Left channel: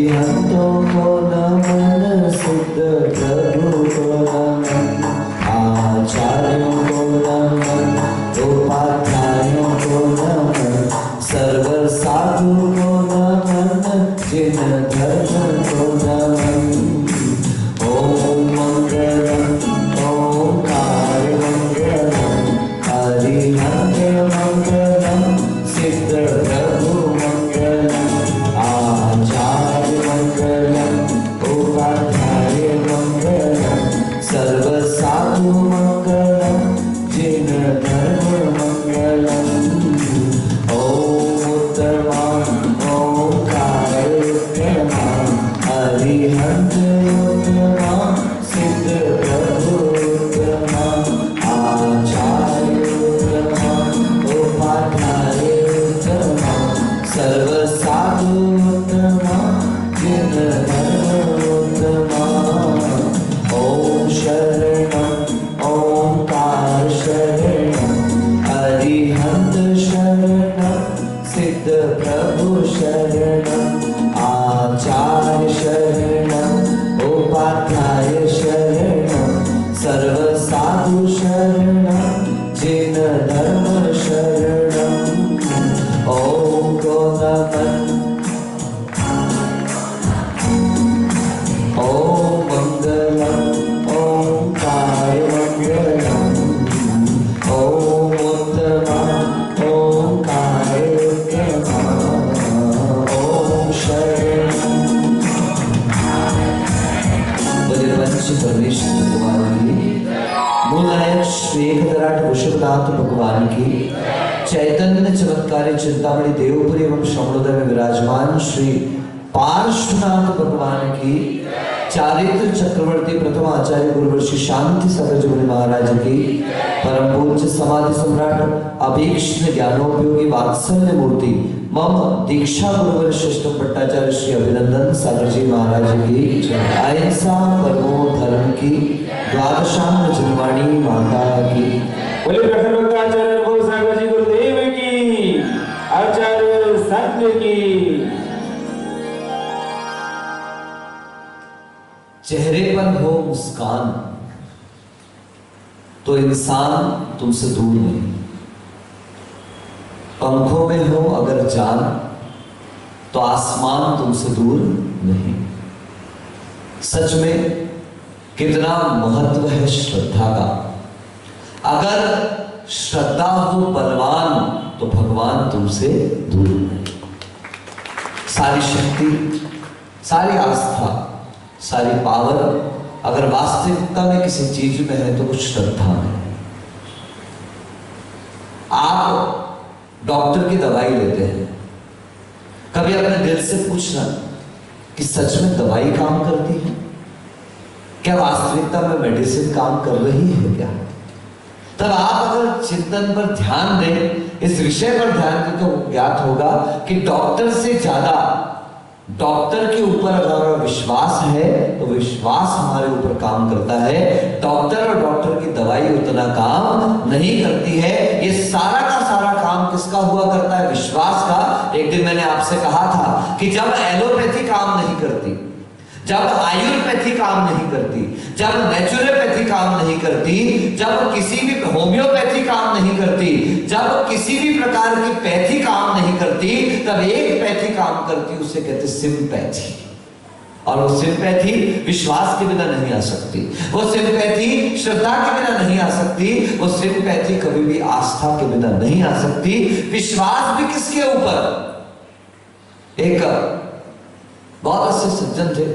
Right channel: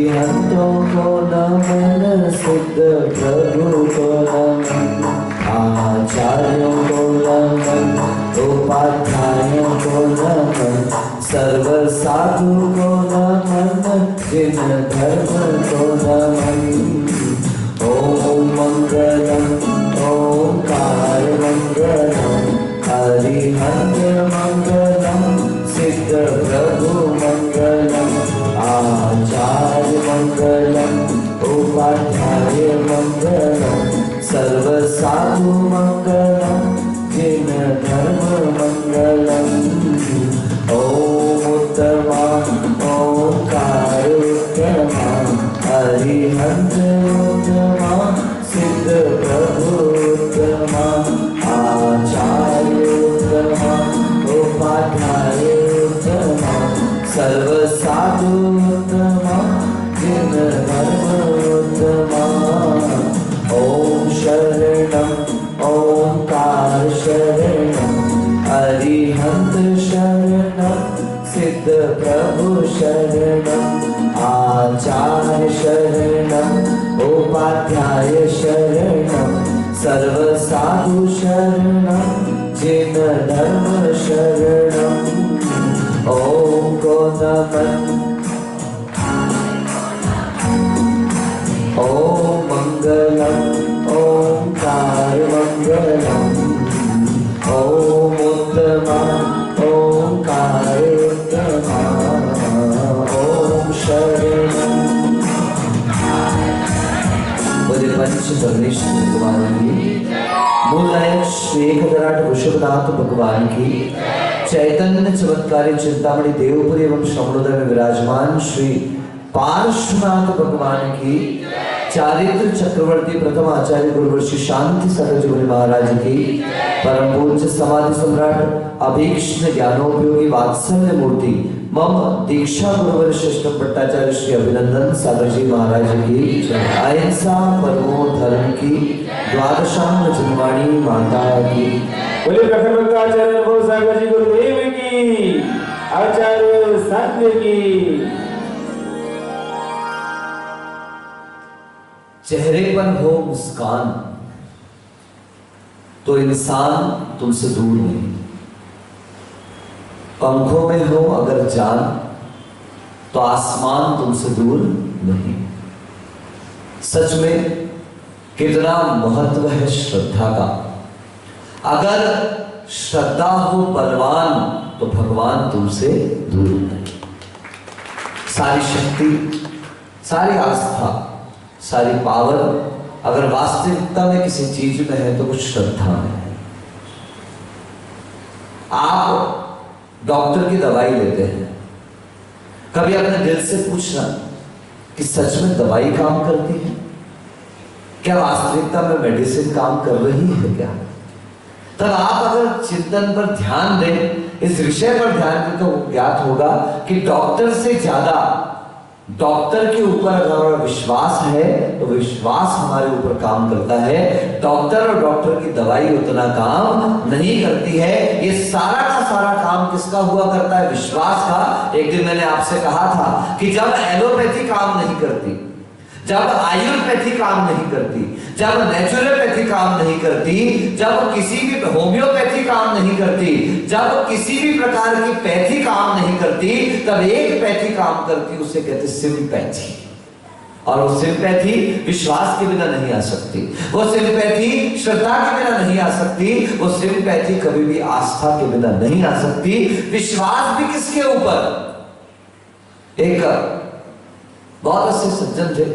अरिहंतों को नमन, सिद्ध प्रभु को नमन, आचार्यों को नमन, उपाध्यायों को नमन, सर्व साधु को नमन, जिन धर्म को नमन। ओम मंगलम ओंकार मंगलम, अरिहंत मंगलम, सिद्ध प्रभु मंगलम, आचार्य मंगलम, उपाध्याय मंगलम, सर्व साधु मंगलम, जिन धर्म मंगलम। ओम उत्तमा ओंकार उत्तमा, अरिहंत उत्तमा, सिद्ध प्रभु उत्तमा, आचार्य उत्तमा, उपाध्याय उत्तमा, सर्व साधु उत्तमा, जिन धर्म उत्तमा। ओम शरणम ओंकार शरणम, अरिहंत शरणम, सिद्ध प्रभु शरणम, आचार्य शरणम, उपाध्याय शरणम, सर्व साधु शरणम, जिन धर्म शरणम। ओम को नमन, ओम मंगलम ओंकार मंगलम, ओम उत्तमा ओंकार उत्तमा, ओम शरणम। बोले पंच परमेश्वर भगवान की, मूलनायक श्री एकदराट वृषभनाथ भगवान की, चैतन्य चमत्कारी चिंतामणि देवपुरी एवं श्रवणोदय में विराजमान श्री पार्श्वनाथ भगवान की, चारित्र चक्रवर्ती प्रथम आचार्य गुरुवर्षि शांति सागर जी महाराज की, परम पूज्य समाधि सम्राट अभीक्ष्ण ज्ञानोपयोगी वात्सल्य मूर्ति मम दीक्षा गुरुवर श्रेष्ठ भट्टाचार्य श्री अभिनंदन सागर जी महाराज की, अहिंसा परमो धर्म की, द्वादशांग जन्माणी माता की। बोले प्रखर आचार्य सागर जी गुरुदेव की, आचार्य संत की। चेहरे पर हो मुस्कान तो इंसान तुमसे दूर नहीं, पंखों में हो अगर जान तो आसमान तुमसे दूर नहीं। सच में कितना महत्व है श्रद्धा का। अगर श्रद्धा हो बलवान तो भगवान तुमसे दूर नहीं। सारी शक्ति, सारी आस्था, सारी पावर अगर वास्तविकता में किसी चीज में है तो वो श्रद्धा में है। आप डॉक्टर की दवाई लेते हैं, कभी अपने दिल से पूछना कि सच में दवाई काम करती है क्या? वास्तविकता में मेडिसिन काम कर रही है क्या? तब आप अगर चिंतन पर ध्यान दें, इस विषय पर ध्यान दें, तो ज्ञात होगा कि डॉक्टर से ज्यादा डॉक्टर के ऊपर अगर विश्वास है तो विश्वास हमारे ऊपर काम करता है। डॉक्टर और डॉक्टर की दवाई उतना काम नहीं करती है। ये सारा का सारा काम किसका हुआ करता है? विश्वास का। एक दिन मैंने आपसे कहा था कि जब एलोपैथी काम नहीं करती, जब आयुर्वेदी काम नहीं करती, जब नेचुरोपैथी काम नहीं करती, जब किसी भी होम्योपैथी काम नहीं करती, जब किसी भी प्रकार की पैथी काम नहीं करती, तब एक पैथी काम करती, उसे कहते सिंपैथी। और वो सिंपैथी विश्वास के बिना नहीं आ सकती, वो सिंपैथी श्रद्धा के बिना नहीं आ सकती, वो सिंपैथी कभी भी आस्था के बिना नहीं आ सकती। विश्वास भी किसके ऊपर? एक बहुत अच्छे सज्जन थे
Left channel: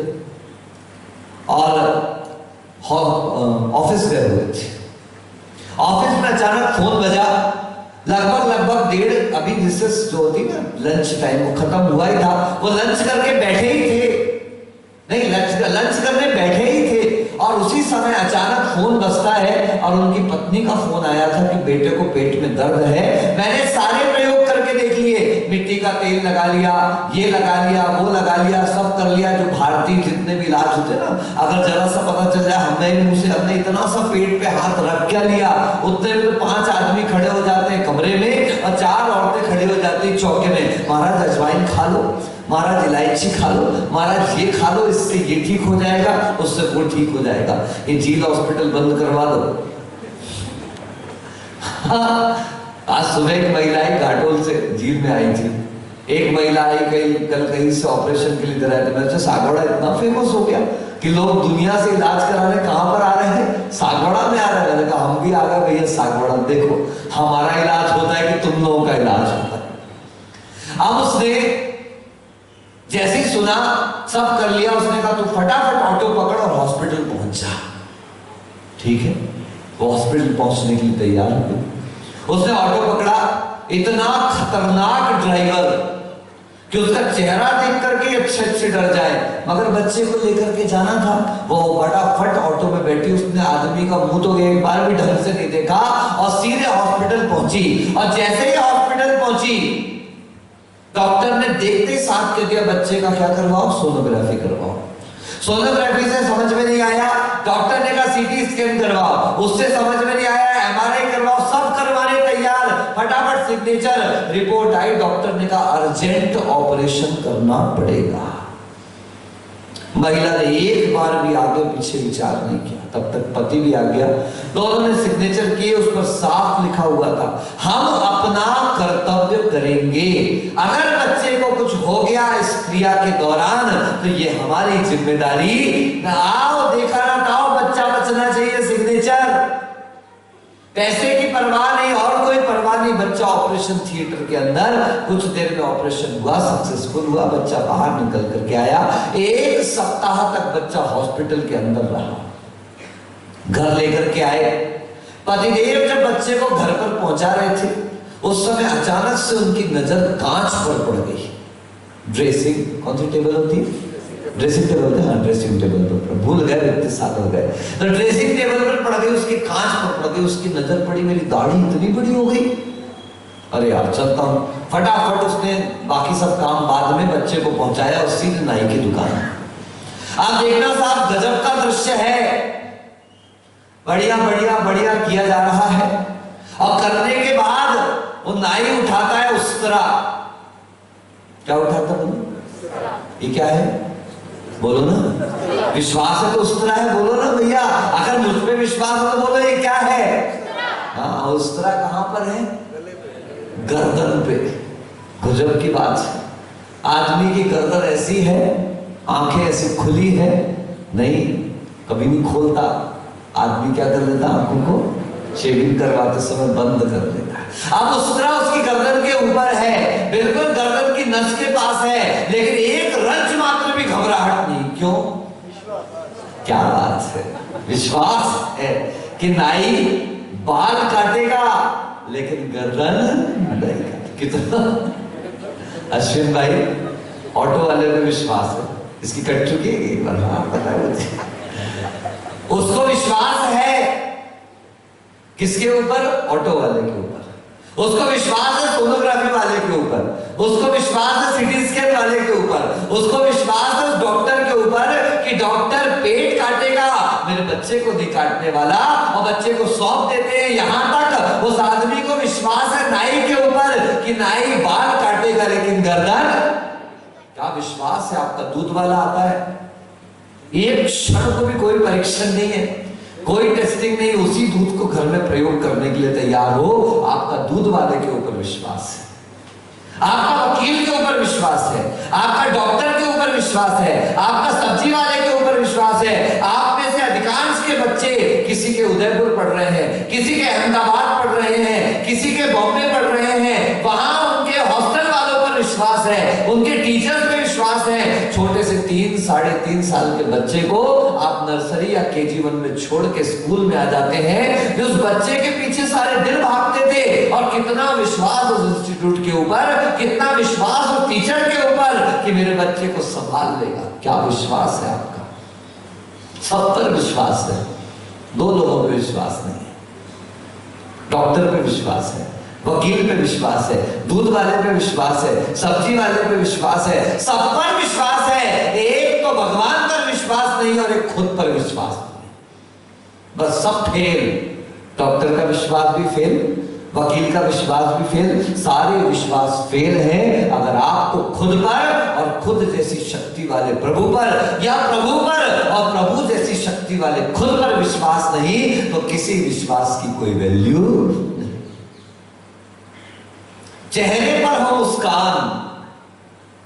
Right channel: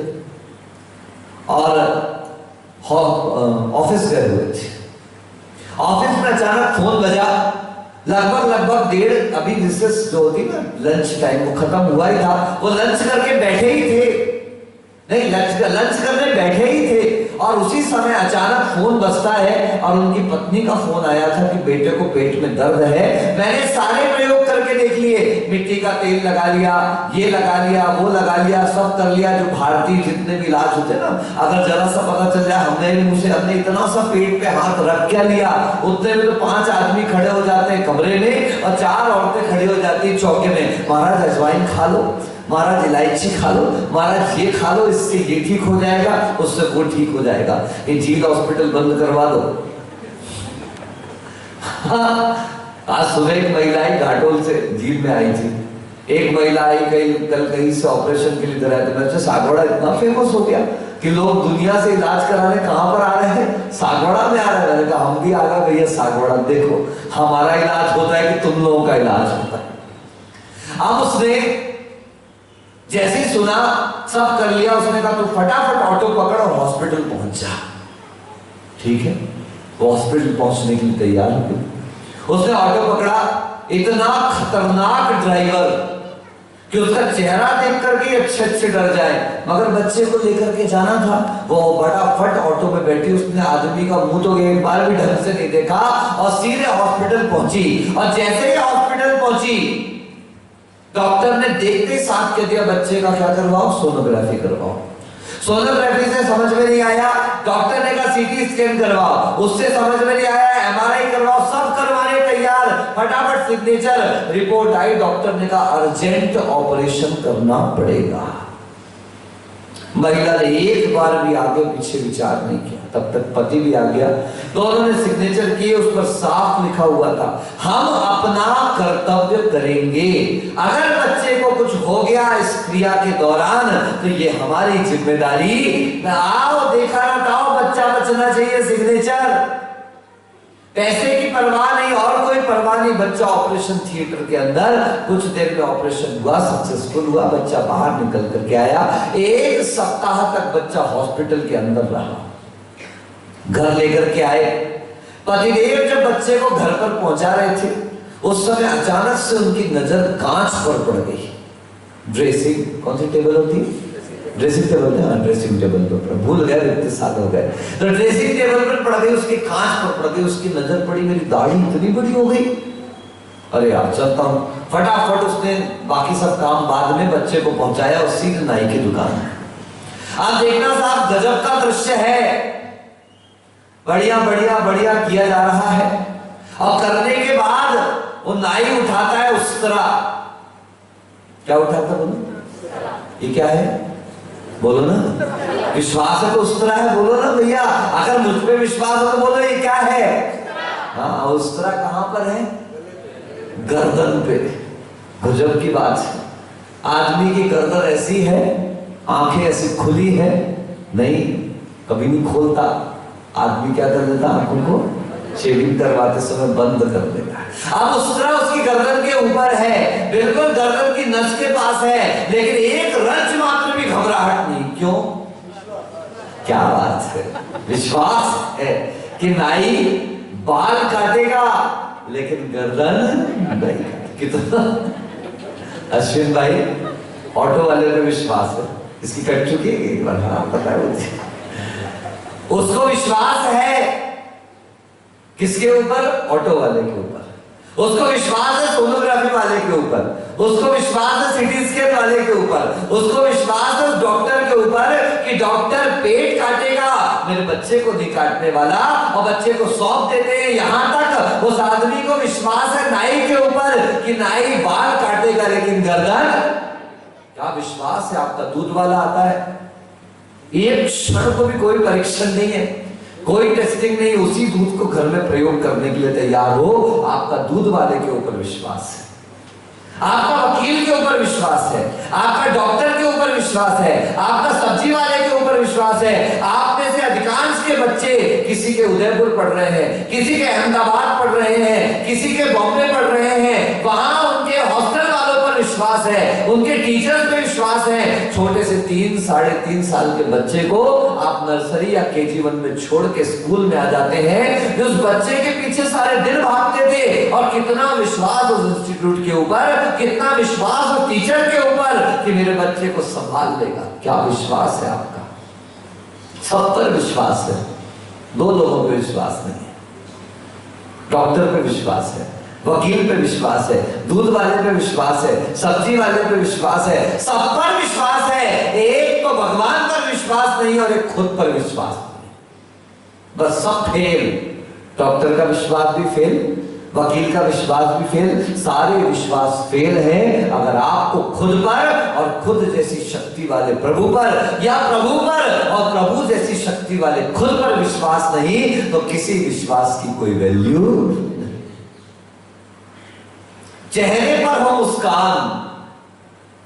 और ऑफिस गए हुए थे। ऑफिस में अचानक फोन बजा, लगभग डेढ़, अभी रिसेस जो होती ना लंच टाइम, वो खत्म हुआ ही था। वो लंच करके बैठे ही थे, नहीं लंच करने बैठे ही थे, और उसी समय अचानक फोन बजता है और उनकी पत्नी का फोन आया था कि बेटे को पेट में दर्द है। मैंने सारे प्रयोग करके देख लिए, मिट्टी का तेल लगा लिया, ये लगा लिया, वो लगा लिया, सब कर लिया, जो भारतीय जितने भी इलाज होते ना, अगर जरा सा पता चल जाए हमने इतना सा पेट पे हाथ रख क्या लिया, उतने में तो 5 आदमी खड़े हो जाते हैं कमरे में और 4 औरतें खड़ी हो जाती चौके में, महाराज अजवाइन खा लो, महाराज इलायची खा लो, महाराज ये खा लो, इससे ये ठीक हो जाएगा, उससे वो ठीक हो जाएगा, ये झील हॉस्पिटल बंद करवा दो। आज सुबह एक महिला आई घाटोल से झील में आई थी। एक महिला आई कल कहीं से ऑपरेशन के लिए इधर आए, तो मैं सागवाड़ा इतना फेमस हो गया कि लोग दुनिया से इलाज कराने कहां पर आ रहे हैं, सागवाड़ा में आ रहे हैं। मैंने कहा हम भी आ गए भैया सागवाड़ा, देखो हमारा इलाज होता है कि तुम लोगों का इलाज होता है। अब उसने जैसे ही सुना, सब कर लिया, उसने कहा तू फटाफट ऑटो पकड़ और हॉस्पिटल पहुंच जा। ठीक है, वो हॉस्पिटल पहुंचने के लिए तैयार हो गई। उसने ऑटो पकड़ा, इतना खतरनाक ड्राइवर कि उसका चेहरा देख करके अच्छे डर जाए, मगर बच्चे को लेकर के जाना था। वो फटाफट ऑटो में बैठी, उसने आदमी का मुंह तो एक बार भी ढंग से नहीं देखा और सीधे हॉस्पिटल पहुंची। और जैसे ही हॉस्पिटल पहुंची, डॉक्टर ने देखते ही साथ कह दिया बच्चे का क्या करवाओ, सोनोग्राफी करवाओ। सोनोग्राफी से समझ में नहीं आया, डॉक्टर ने कहा सीटी स्कैन करवाओ, उससे समझ में नहीं आया, एमआरआई करवाओ, सब करवाने तैयार, फटाफट सिग्नेचर, रिपोर्ट आई, डॉक्टर ने कहा अर्जेंट ऑपरेशन करना पड़ेगा। महिला ने एक बार भी आगे पीछे विचार नहीं किया, तब तक पति भी आ गया। दोनों ने सिग्नेचर किए, उस पर साफ लिखा हुआ था हम अपना कर्तव्य करेंगे, अगर बच्चे को कुछ हो गया इस क्रिया के दौरान तो ये हमारी जिम्मेदारी। आओ देखा ना था, बच्चा बचना चाहिए, सिग्नेचर। पैसे की परवाह नहीं और कोई परवाह नहीं। बच्चा ऑपरेशन थिएटर के अंदर, कुछ देर में ऑपरेशन हुआ, सक्सेसफुल हुआ, बच्चा बाहर निकल करके आया। एक सप्ताह तक बच्चा हॉस्पिटल के अंदर रहा। घर लेकर के आए, पतिदेव जब बच्चे को घर पर पहुंचा रहे थे, उस समय अचानक से उनकी नजर कांच पर पड़ गई। ड्रेसिंग कौन सी टेबल होती है, ड्रेसिंग टेबल है, ड्रेसिंग टेबल पर भूल गए, इतने साल हो गए। तो ड्रेसिंग टेबल पर पड़ गई, उसकी कांच पर पड़ गई, उसकी नजर पड़ी, मेरी दाढ़ी इतनी बड़ी हो गई, अरे यार चलता हूं। फटाफट उसने बाकी सब काम बाद में, बच्चे को पहुंचाया और सीधे नाई की दुकान। आप देखना साहब, गजब का दृश्य है, बढ़िया बढ़िया बढ़िया किया जा रहा है। और करने के बाद वो नाई उठाता है उस्तरा। क्या उठाता बोलो, ये क्या है बोलो ना, विश्वास है तो उस्तरा है, बोलो ना भैया। अगर मुझ पे विश्वास हो तो बोलो ये क्या है। हाँ, उस्तरा कहां पर है, गर्दन पे। गजब की बात है, आदमी की गर्दन ऐसी है, आंखें ऐसी खुली है, नहीं कभी नहीं खोलता। आदमी क्या कर देता, आंखों को शेविंग करवाते समय बंद कर देता है। अब उस्तरा उसकी गर्दन के ऊपर है, बिल्कुल गर्दन की नस के पास है, लेकिन एक रंच मात्र भी घबराहट नहीं। क्यों, क्या बात है, विश्वास है कि नाई बाल काटेगा लेकिन गर्दन नहीं। कितना अश्विन भाई, ऑटो वाले पे विश्वास है, इसकी कट चुकी है एक बार, हाँ पता है, उसको विश्वास है किसके ऊपर, ऑटो वाले के ऊपर। उसको विश्वास है सोनोग्राफी वाले के ऊपर, उसको विश्वास है सिटी स्कैन वाले के ऊपर, उसको विश्वास है डॉक्टर के ऊपर कि डॉक्टर पेट काटेगा, मेरे बच्चे को नहीं काटने वाला, और बच्चे को सौंप देते हैं। यहां तक उस आदमी को विश्वास है नाई के ऊपर कि नाई बाल काटेगा लेकिन गर्दन, क्या विश्वास है आपका। दूध वाला आता है, एक क्षण को भी कोई परीक्षण नहीं है, कोई टेस्टिंग नहीं, उसी दूध को घर में प्रयोग करने के लिए तैयार हो। आपका दूध वाले के ऊपर विश्वास है, आपका वकील के ऊपर विश्वास है, आपका डॉक्टर के ऊपर विश्वास है, आपका सब्जी वाले के ऊपर विश्वास है। आप में से अधिकांश के बच्चे किसी के उदयपुर पढ़ रहे हैं, किसी के अहमदाबाद पढ़ रहे हैं, किसी के बॉम्बे पढ़ रहे हैं, वहां उनके हॉस्टल वालों पर विश्वास है, उनके टीचर्स पे विश्वास है। छोटे से 3 साढ़े 3 साल के बच्चे को आप नर्सरी या केजी 1 में छोड़ के स्कूल में आ जाते हैं, उस बच्चे के पीछे सारे दिन भागते थे। और कितना विश्वास उस इंस्टीट्यूट के ऊपर, कितना विश्वास उस टीचर के ऊपर कि मेरे बच्चे को संभाल लेगा। क्या विश्वास है आपका, सब पर विश्वास है, 2 लोगों पे विश्वास नहीं है। डॉक्टर पे विश्वास है, वकील पे विश्वास है, दूध वाले पे विश्वास है, सब्जी वाले पे विश्वास है, सब पर विश्वास है। एक तो भगवान पर विश्वास नहीं और एक खुद पर विश्वास नहीं, बस सब फेल। डॉक्टर का विश्वास भी फेल, वकील का विश्वास भी फेल, सारे विश्वास फेल हैं अगर आपको खुद पर और खुद जैसी शक्ति वाले प्रभु पर, या प्रभु पर और प्रभु जैसी शक्ति वाले खुद पर विश्वास नहीं, तो किसी विश्वास की कोई वैल्यू नहीं। चेहरे पर हो मुस्कान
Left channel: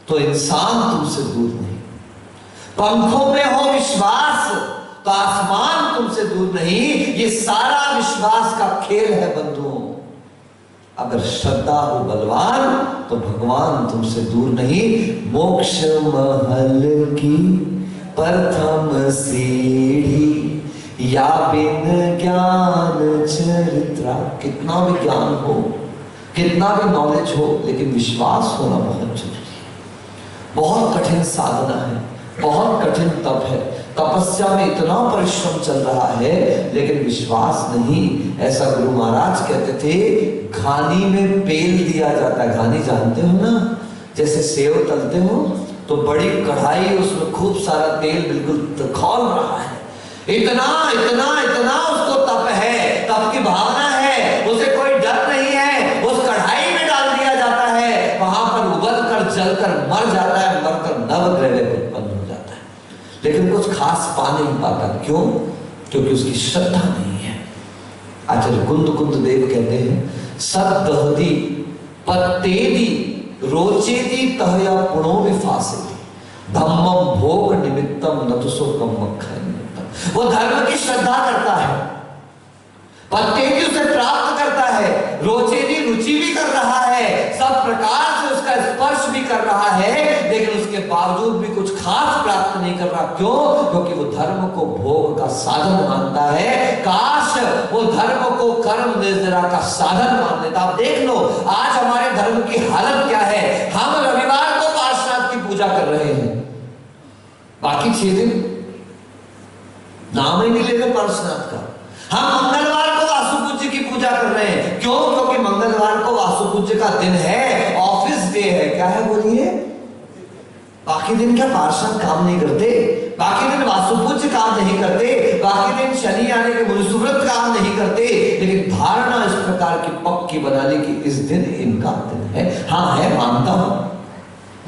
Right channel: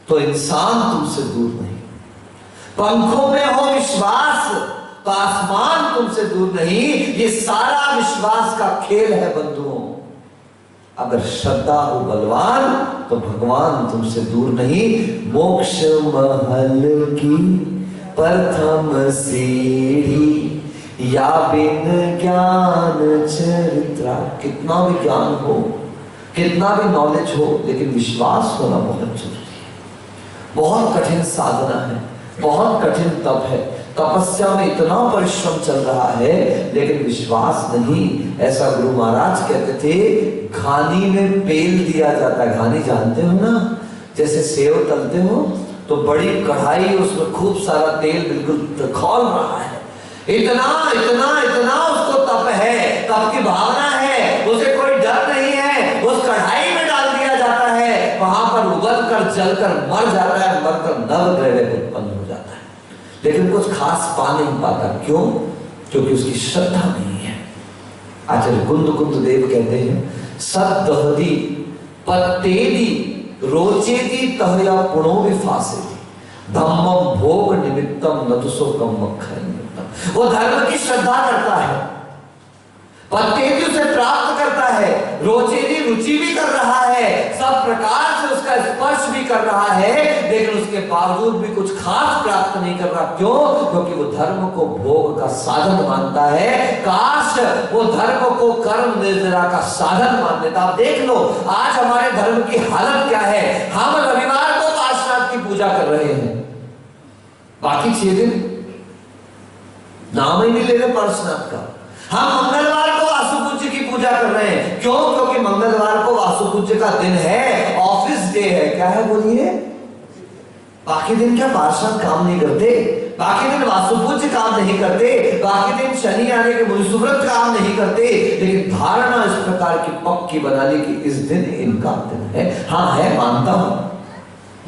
तो इंसान तुमसे दूर नहीं, पंखों में हो विश्वास तो आसमान तुमसे दूर नहीं। ये सारा विश्वास का खेल है बंधुओं। अगर श्रद्धा हो बलवान तो भगवान तुमसे दूर नहीं। मोक्ष महल की प्रथम सीढ़ी, या बिन ज्ञान चरित्रा। कितना भी ज्ञान हो, कितना भी नॉलेज हो, लेकिन विश्वास होना बहुत जरूरी है। बहुत कठिन साधना है, बहुत कठिन तप है। तपस्या में इतना परिश्रम चल रहा है लेकिन विश्वास नहीं। ऐसा गुरु महाराज कहते थे, घानी में पेल दिया जाता है। घानी जानते हो ना, जैसे सेव तलते हो तो बड़ी कढ़ाई, उसमें खूब सारा तेल बिल्कुल खौल रहा है। इतना इतना इतना उसको तप है, तप की भावना है, उसे कोई डर नहीं है। उस कढ़ाई में डाल दिया जाता है, वहां पर उबल कर जल कर मर जाता है, मरकर नवग्रह उत्पन्न हो जाता है, लेकिन कुछ खास पा नहीं पाता। क्यों? क्योंकि उसकी श्रद्धा नहीं है। आचार्य कुंद देव कहते हैं, सद्दहदी पत्तेदी रोचेदी तहया पुणो विफासे, धम्मम भोग निमित्तम नतुसो कम मक्खन। वो धर्म की श्रद्धा करता है, पत्तेदी उसे प्राप्त करता है, रोचेदी रुचि भी कर रहा है, सब प्रकार से उसका स्पर्श भी कर रहा है, लेकिन उसके बावजूद भी कुछ खास प्राप्त नहीं कर रहा। क्यों? क्योंकि वो धर्म को भोग का साधन मानता है। काश वो धर्म को कर्म निर्जरा का साधन मान लेता। आप देख लो आज हमारे धर्म की हालत क्या है। हम रविवार को पार्षनाथ की पूजा कर रहे हैं, बाकी 6 दिन नाम ही नहीं ले रहे पार्षनाथ का। हम मंगलवार को वासुपूज्य की पूजा कर रहे हैं। क्यों? क्योंकि मंगलवार को वासुपूज्य का दिन है, ऑफिस डे है। क्या है बोलिए? बाकी दिन क्या पार्षद काम नहीं करते? बाकी दिन वासुपूज्य काम नहीं करते, बाकी दिन शनि आने के मुनिसुव्रत काम नहीं करते, लेकिन धारणा इस प्रकार की पक्की बना ली कि इस दिन इनका दिन है। हाँ है, मानता हूं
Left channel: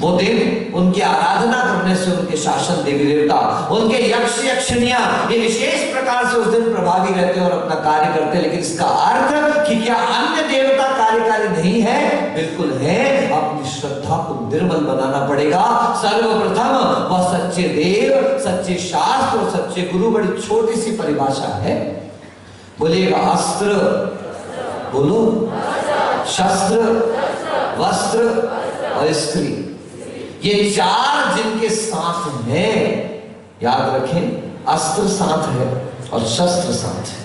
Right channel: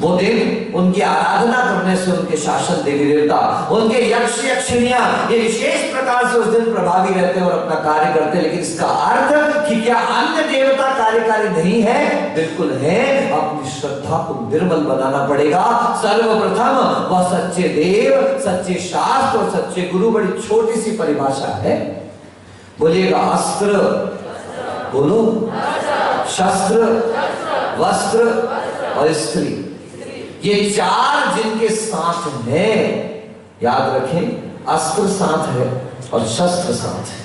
वो दिन उनकी आराधना करने से उनके शासन देवी देवता, उनके यक्ष यक्षिणियां ये विशेष प्रकार से उस दिन प्रभावी रहते हैं और अपना कार्य करते हैं। लेकिन इसका अर्थ कि क्या अन्य देवता कार्यकारी नहीं है? बिल्कुल है। अपनी श्रद्धा को निर्मल बनाना पड़ेगा। सर्वप्रथम वह सच्चे देव, सच्चे शास्त्र और सच्चे गुरु। बड़ी छोटी सी परिभाषा है, बोलिएगा अस्त्र, बोलो शस्त्र, वस्त्र और स्त्री। ये 4 जिनके साथ हैं, याद रखें, अस्त्र साथ है और शस्त्र साथ है।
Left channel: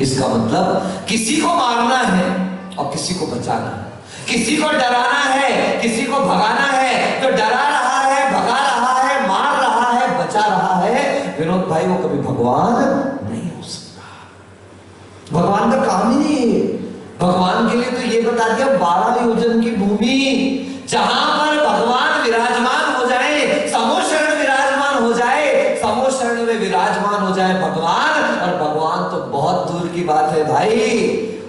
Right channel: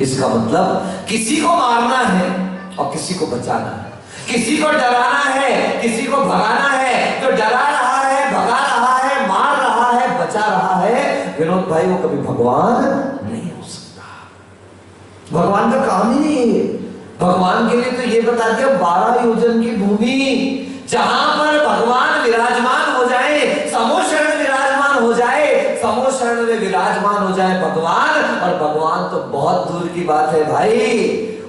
इसका मतलब किसी को मारना है और किसी को बचाना है, किसी को डराना है, किसी को भगाना है। जो डरा रहा है, भगा रहा है, मार रहा है, बचा रहा है, विनोद भाई, वो कभी भगवान नहीं हो सकता। भगवान का काम ही नहीं है। भगवान के लिए तो ये बता दिया 12 योजन की भूमि, जहां पर भगवान विराजमान हो जाए, समोशरण विराजमान हो जाए, समोशरण में विराजमान हो जाए भगवान। और भगवान तो बहुत दूर की बात है भाई।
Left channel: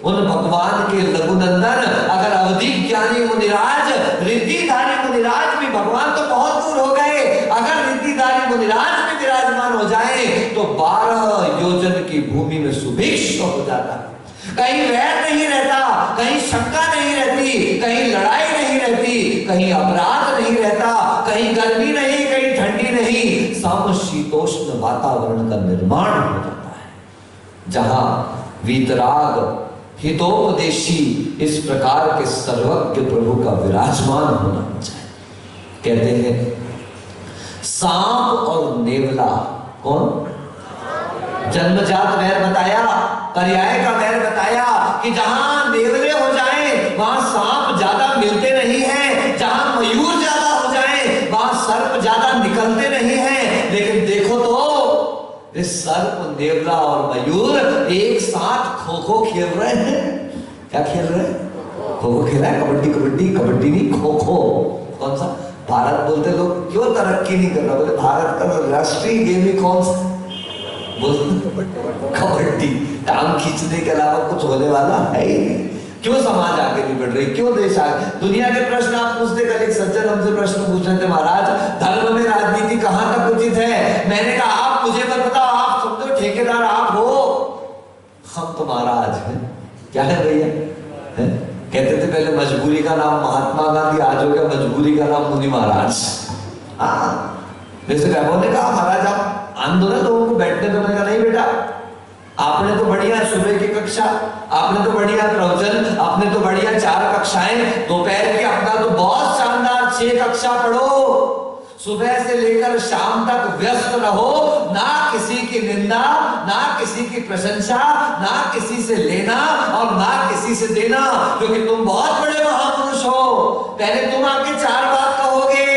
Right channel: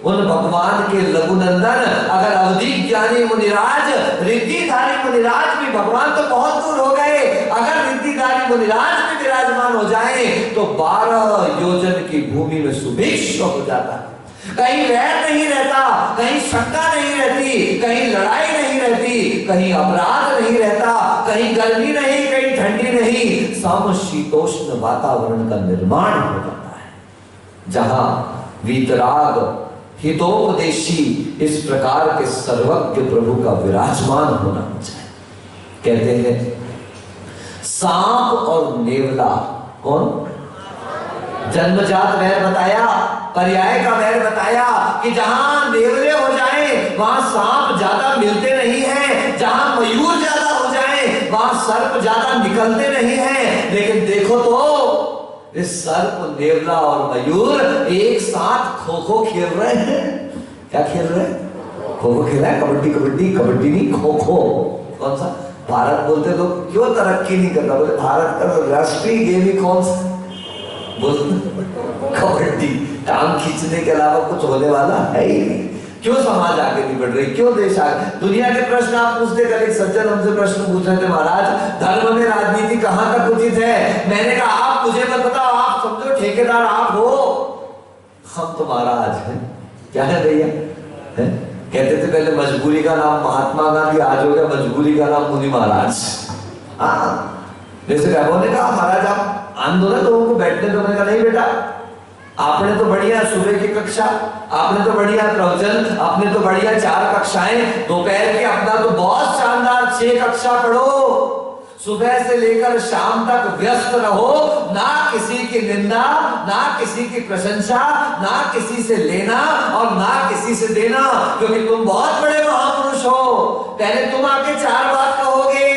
उन भगवान के लघुनंदन अगर अवधि ज्ञानी मुनिराज, रिद्धिधारी मुनिराज भी, भगवान तो बहुत दूर हो गए, अगर रिद्धिधारी मुनिराज भी विराजमान हो जाए तो 12 योजन की भूमि में सुभिक्ष हो जाता है। कहीं वैर नहीं रहता, कहीं शंका नहीं रहती, कहीं लड़ाई नहीं रहती, कहीं अपराध नहीं रहता, कहीं गर्मी नहीं, कहीं ठंडी नहीं, समशीतोष्ण वातावरण का निर्माण हो जाता है, जहां वीतराग हितोपदेशी इस प्रकार के सर्वज्ञ प्रभु का विराजमान होना चाहिए। कहते हैं सांप और नेवला, कौन? जन्मजात वैर बताया, पर्याय का वैर बताया कि जहां नेवले हो जाएं वहां सांप ज्यादा मिलते नहीं हैं, जहां मयूर ज्यादा हो जाएं वहां सर्प ज्यादा निकलते नहीं हैं। लेकिन देखो तो इस सर्प, नेवला और मयूर एक साथ खो खो खेल रहे हैं। क्या खेल रहे हैं? खो खो खेल रहा है। कबड्डी कबड्डी, कबड्डी नहीं, खो खो। कौन सा? भारत बोलते लोग क्यों तरक्की नहीं कर रहा? बोले भारत का राष्ट्रीय गेम ही कौन सा? कबड्डी। टांग खींचने के अलावा कुछ होने वाला है ही नहीं। क्यों समाज आगे नहीं बढ़ रही, क्यों देश आगे? दुनिया के प्रश्न आप पूछते, कल एक सज्जन हमसे प्रश्न पूछ रहे थे, महाराज धर्म में राजनीति कहां तक उचित है? मैंने कहा आप मुझे मत बताओ, आप समझो ठेकेदार आप हो, हम तो महाराज हैं। क्या है भैया? कहते थे पहले मजबूरी का नाम महात्मा गांधी, आज हो गया मजबूरी का नाम मुनि महाराज। जैसे वैभव ने कहा महाराज आप आंदोलन लोगों को बैठने दो, मैंने कहा नहीं बेटा, आपने तो बढ़िया सुबह की कक्षा, आपने तो बढ़िया प्रवचन, आपने तो बढ़िया 4 कक्षाएं, दोपहर की अपना तो बहुत शानदार 6 कक्षा पढ़ो, सुबह से लेकर शाम तक व्यस्त रहो, ना किसी की निंदा, ना किसी की प्रशंसा, ना किसी से लेना और ना किसी से देना, क्योंकि तुम बहुत बड़े महापुरुष हो, पहले तुम आके 4 बात कहोगे,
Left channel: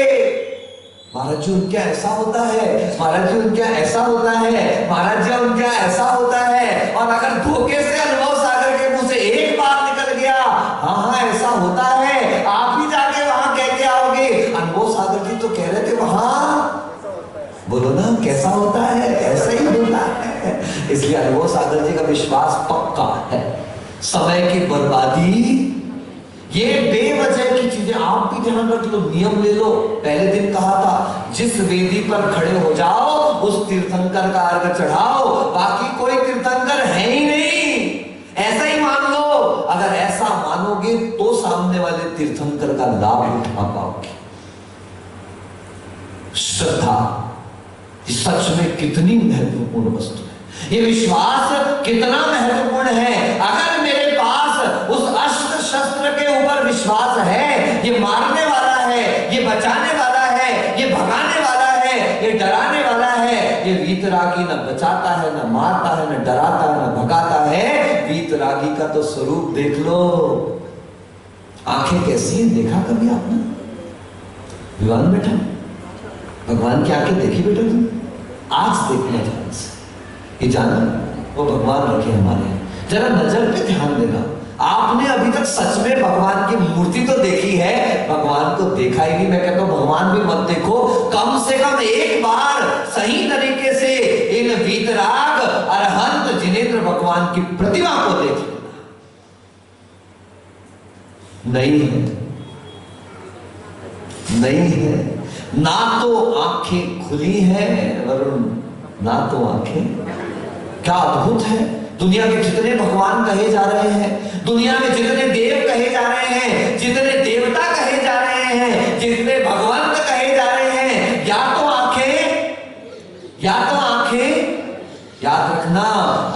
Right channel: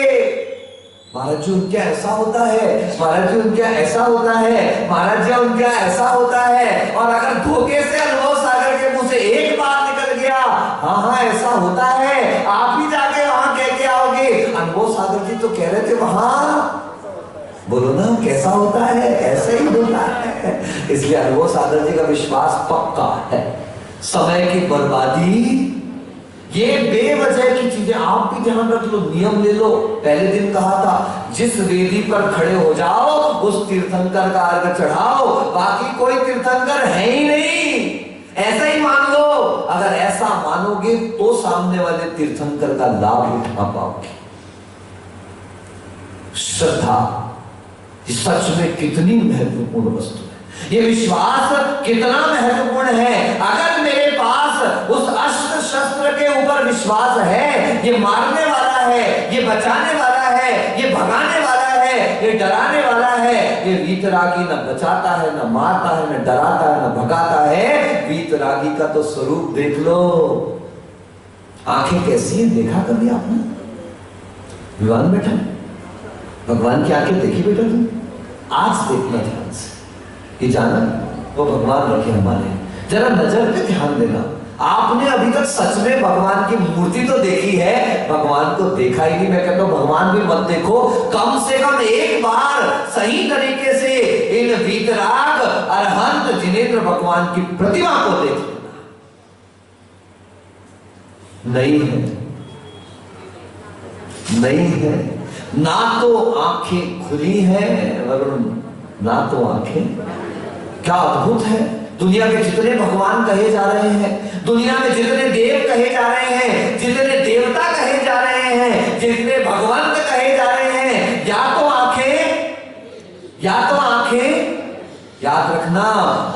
महाराज जी उनका ऐसा होता है, महाराज जी उनका ऐसा होता है, महाराज जी उनका ऐसा होता है, और अगर धोखे से अनुभव सागर के मुंह से एक बात निकल गया, हाँ हाँ ऐसा होता है, आप ही जाके वहां कह के आओगे। अनुभव सागर जी तो कह रहे थे वहां, बोलो ना कैसा होता है? ऐसे ही होता है। इसलिए अनुभव सागर जी का विश्वास पक्का है। समय की बर्बादी, ये बेवजह की चीजें आप भी ध्यान रख लो, नियम ले लो। पहले दिन कहा था जिस वेदी पर खड़े हो जाओ उस तीर्थंकर का अर्घ चढ़ाओ, बाकी कोई तीर्थंकर है ही नहीं, ऐसा ही मान लो। अगर ऐसा मानोगे तो सामने वाले तीर्थंकर का लाभ उठा पाओगे। श्रद्धा सच में कितनी महत्वपूर्ण वस्तु है, ये विश्वास कितना महत्वपूर्ण है। अगर मेरे पास उस अस्त्र शस्त्र के ऊपर विश्वास है, ये मारने वाला है, ये बचाने वाला है, ये भगाने वाला है, ये डराने वाला है, ये वीतरागी न बचाता है, न मारता है, न डराता है, न भगाता है। वीतरागी का तो स्वरूप देख लो, आंखें कैसी हैं देखा कभी आपने? विवान बेटा, भगवान की आंखें देखी बेटा तुम? आज देखना ध्यान से, ये जाना वो भगवान रखे हमारे। जरा नजर पे ध्यान देना, आपने अभी तक सच में भगवान की मूर्ति तो देखी है, भगवान को देखा ही नहीं। मैं कहता हूं भगवान भी मत देखो, कम से कम एक बार सही तरीके से इन वीतराग अरहंत जिनेंद्र भगवान की प्रतिमा को देख लेना। नहीं है, नहीं है, ना तो आंखें खुली हैं वरुण, ना तो आंखें। क्या अद्भुत है, दुनिया के जितने भगवान कहे जा रहे हैं, दुनिया में जितने देव कहे जा रहे हैं, जितने देवता कहे जा रहे हैं, जितने भगवंत कहे जा रहे हैं, या तो आंखें, या तो आंखें। याद रखना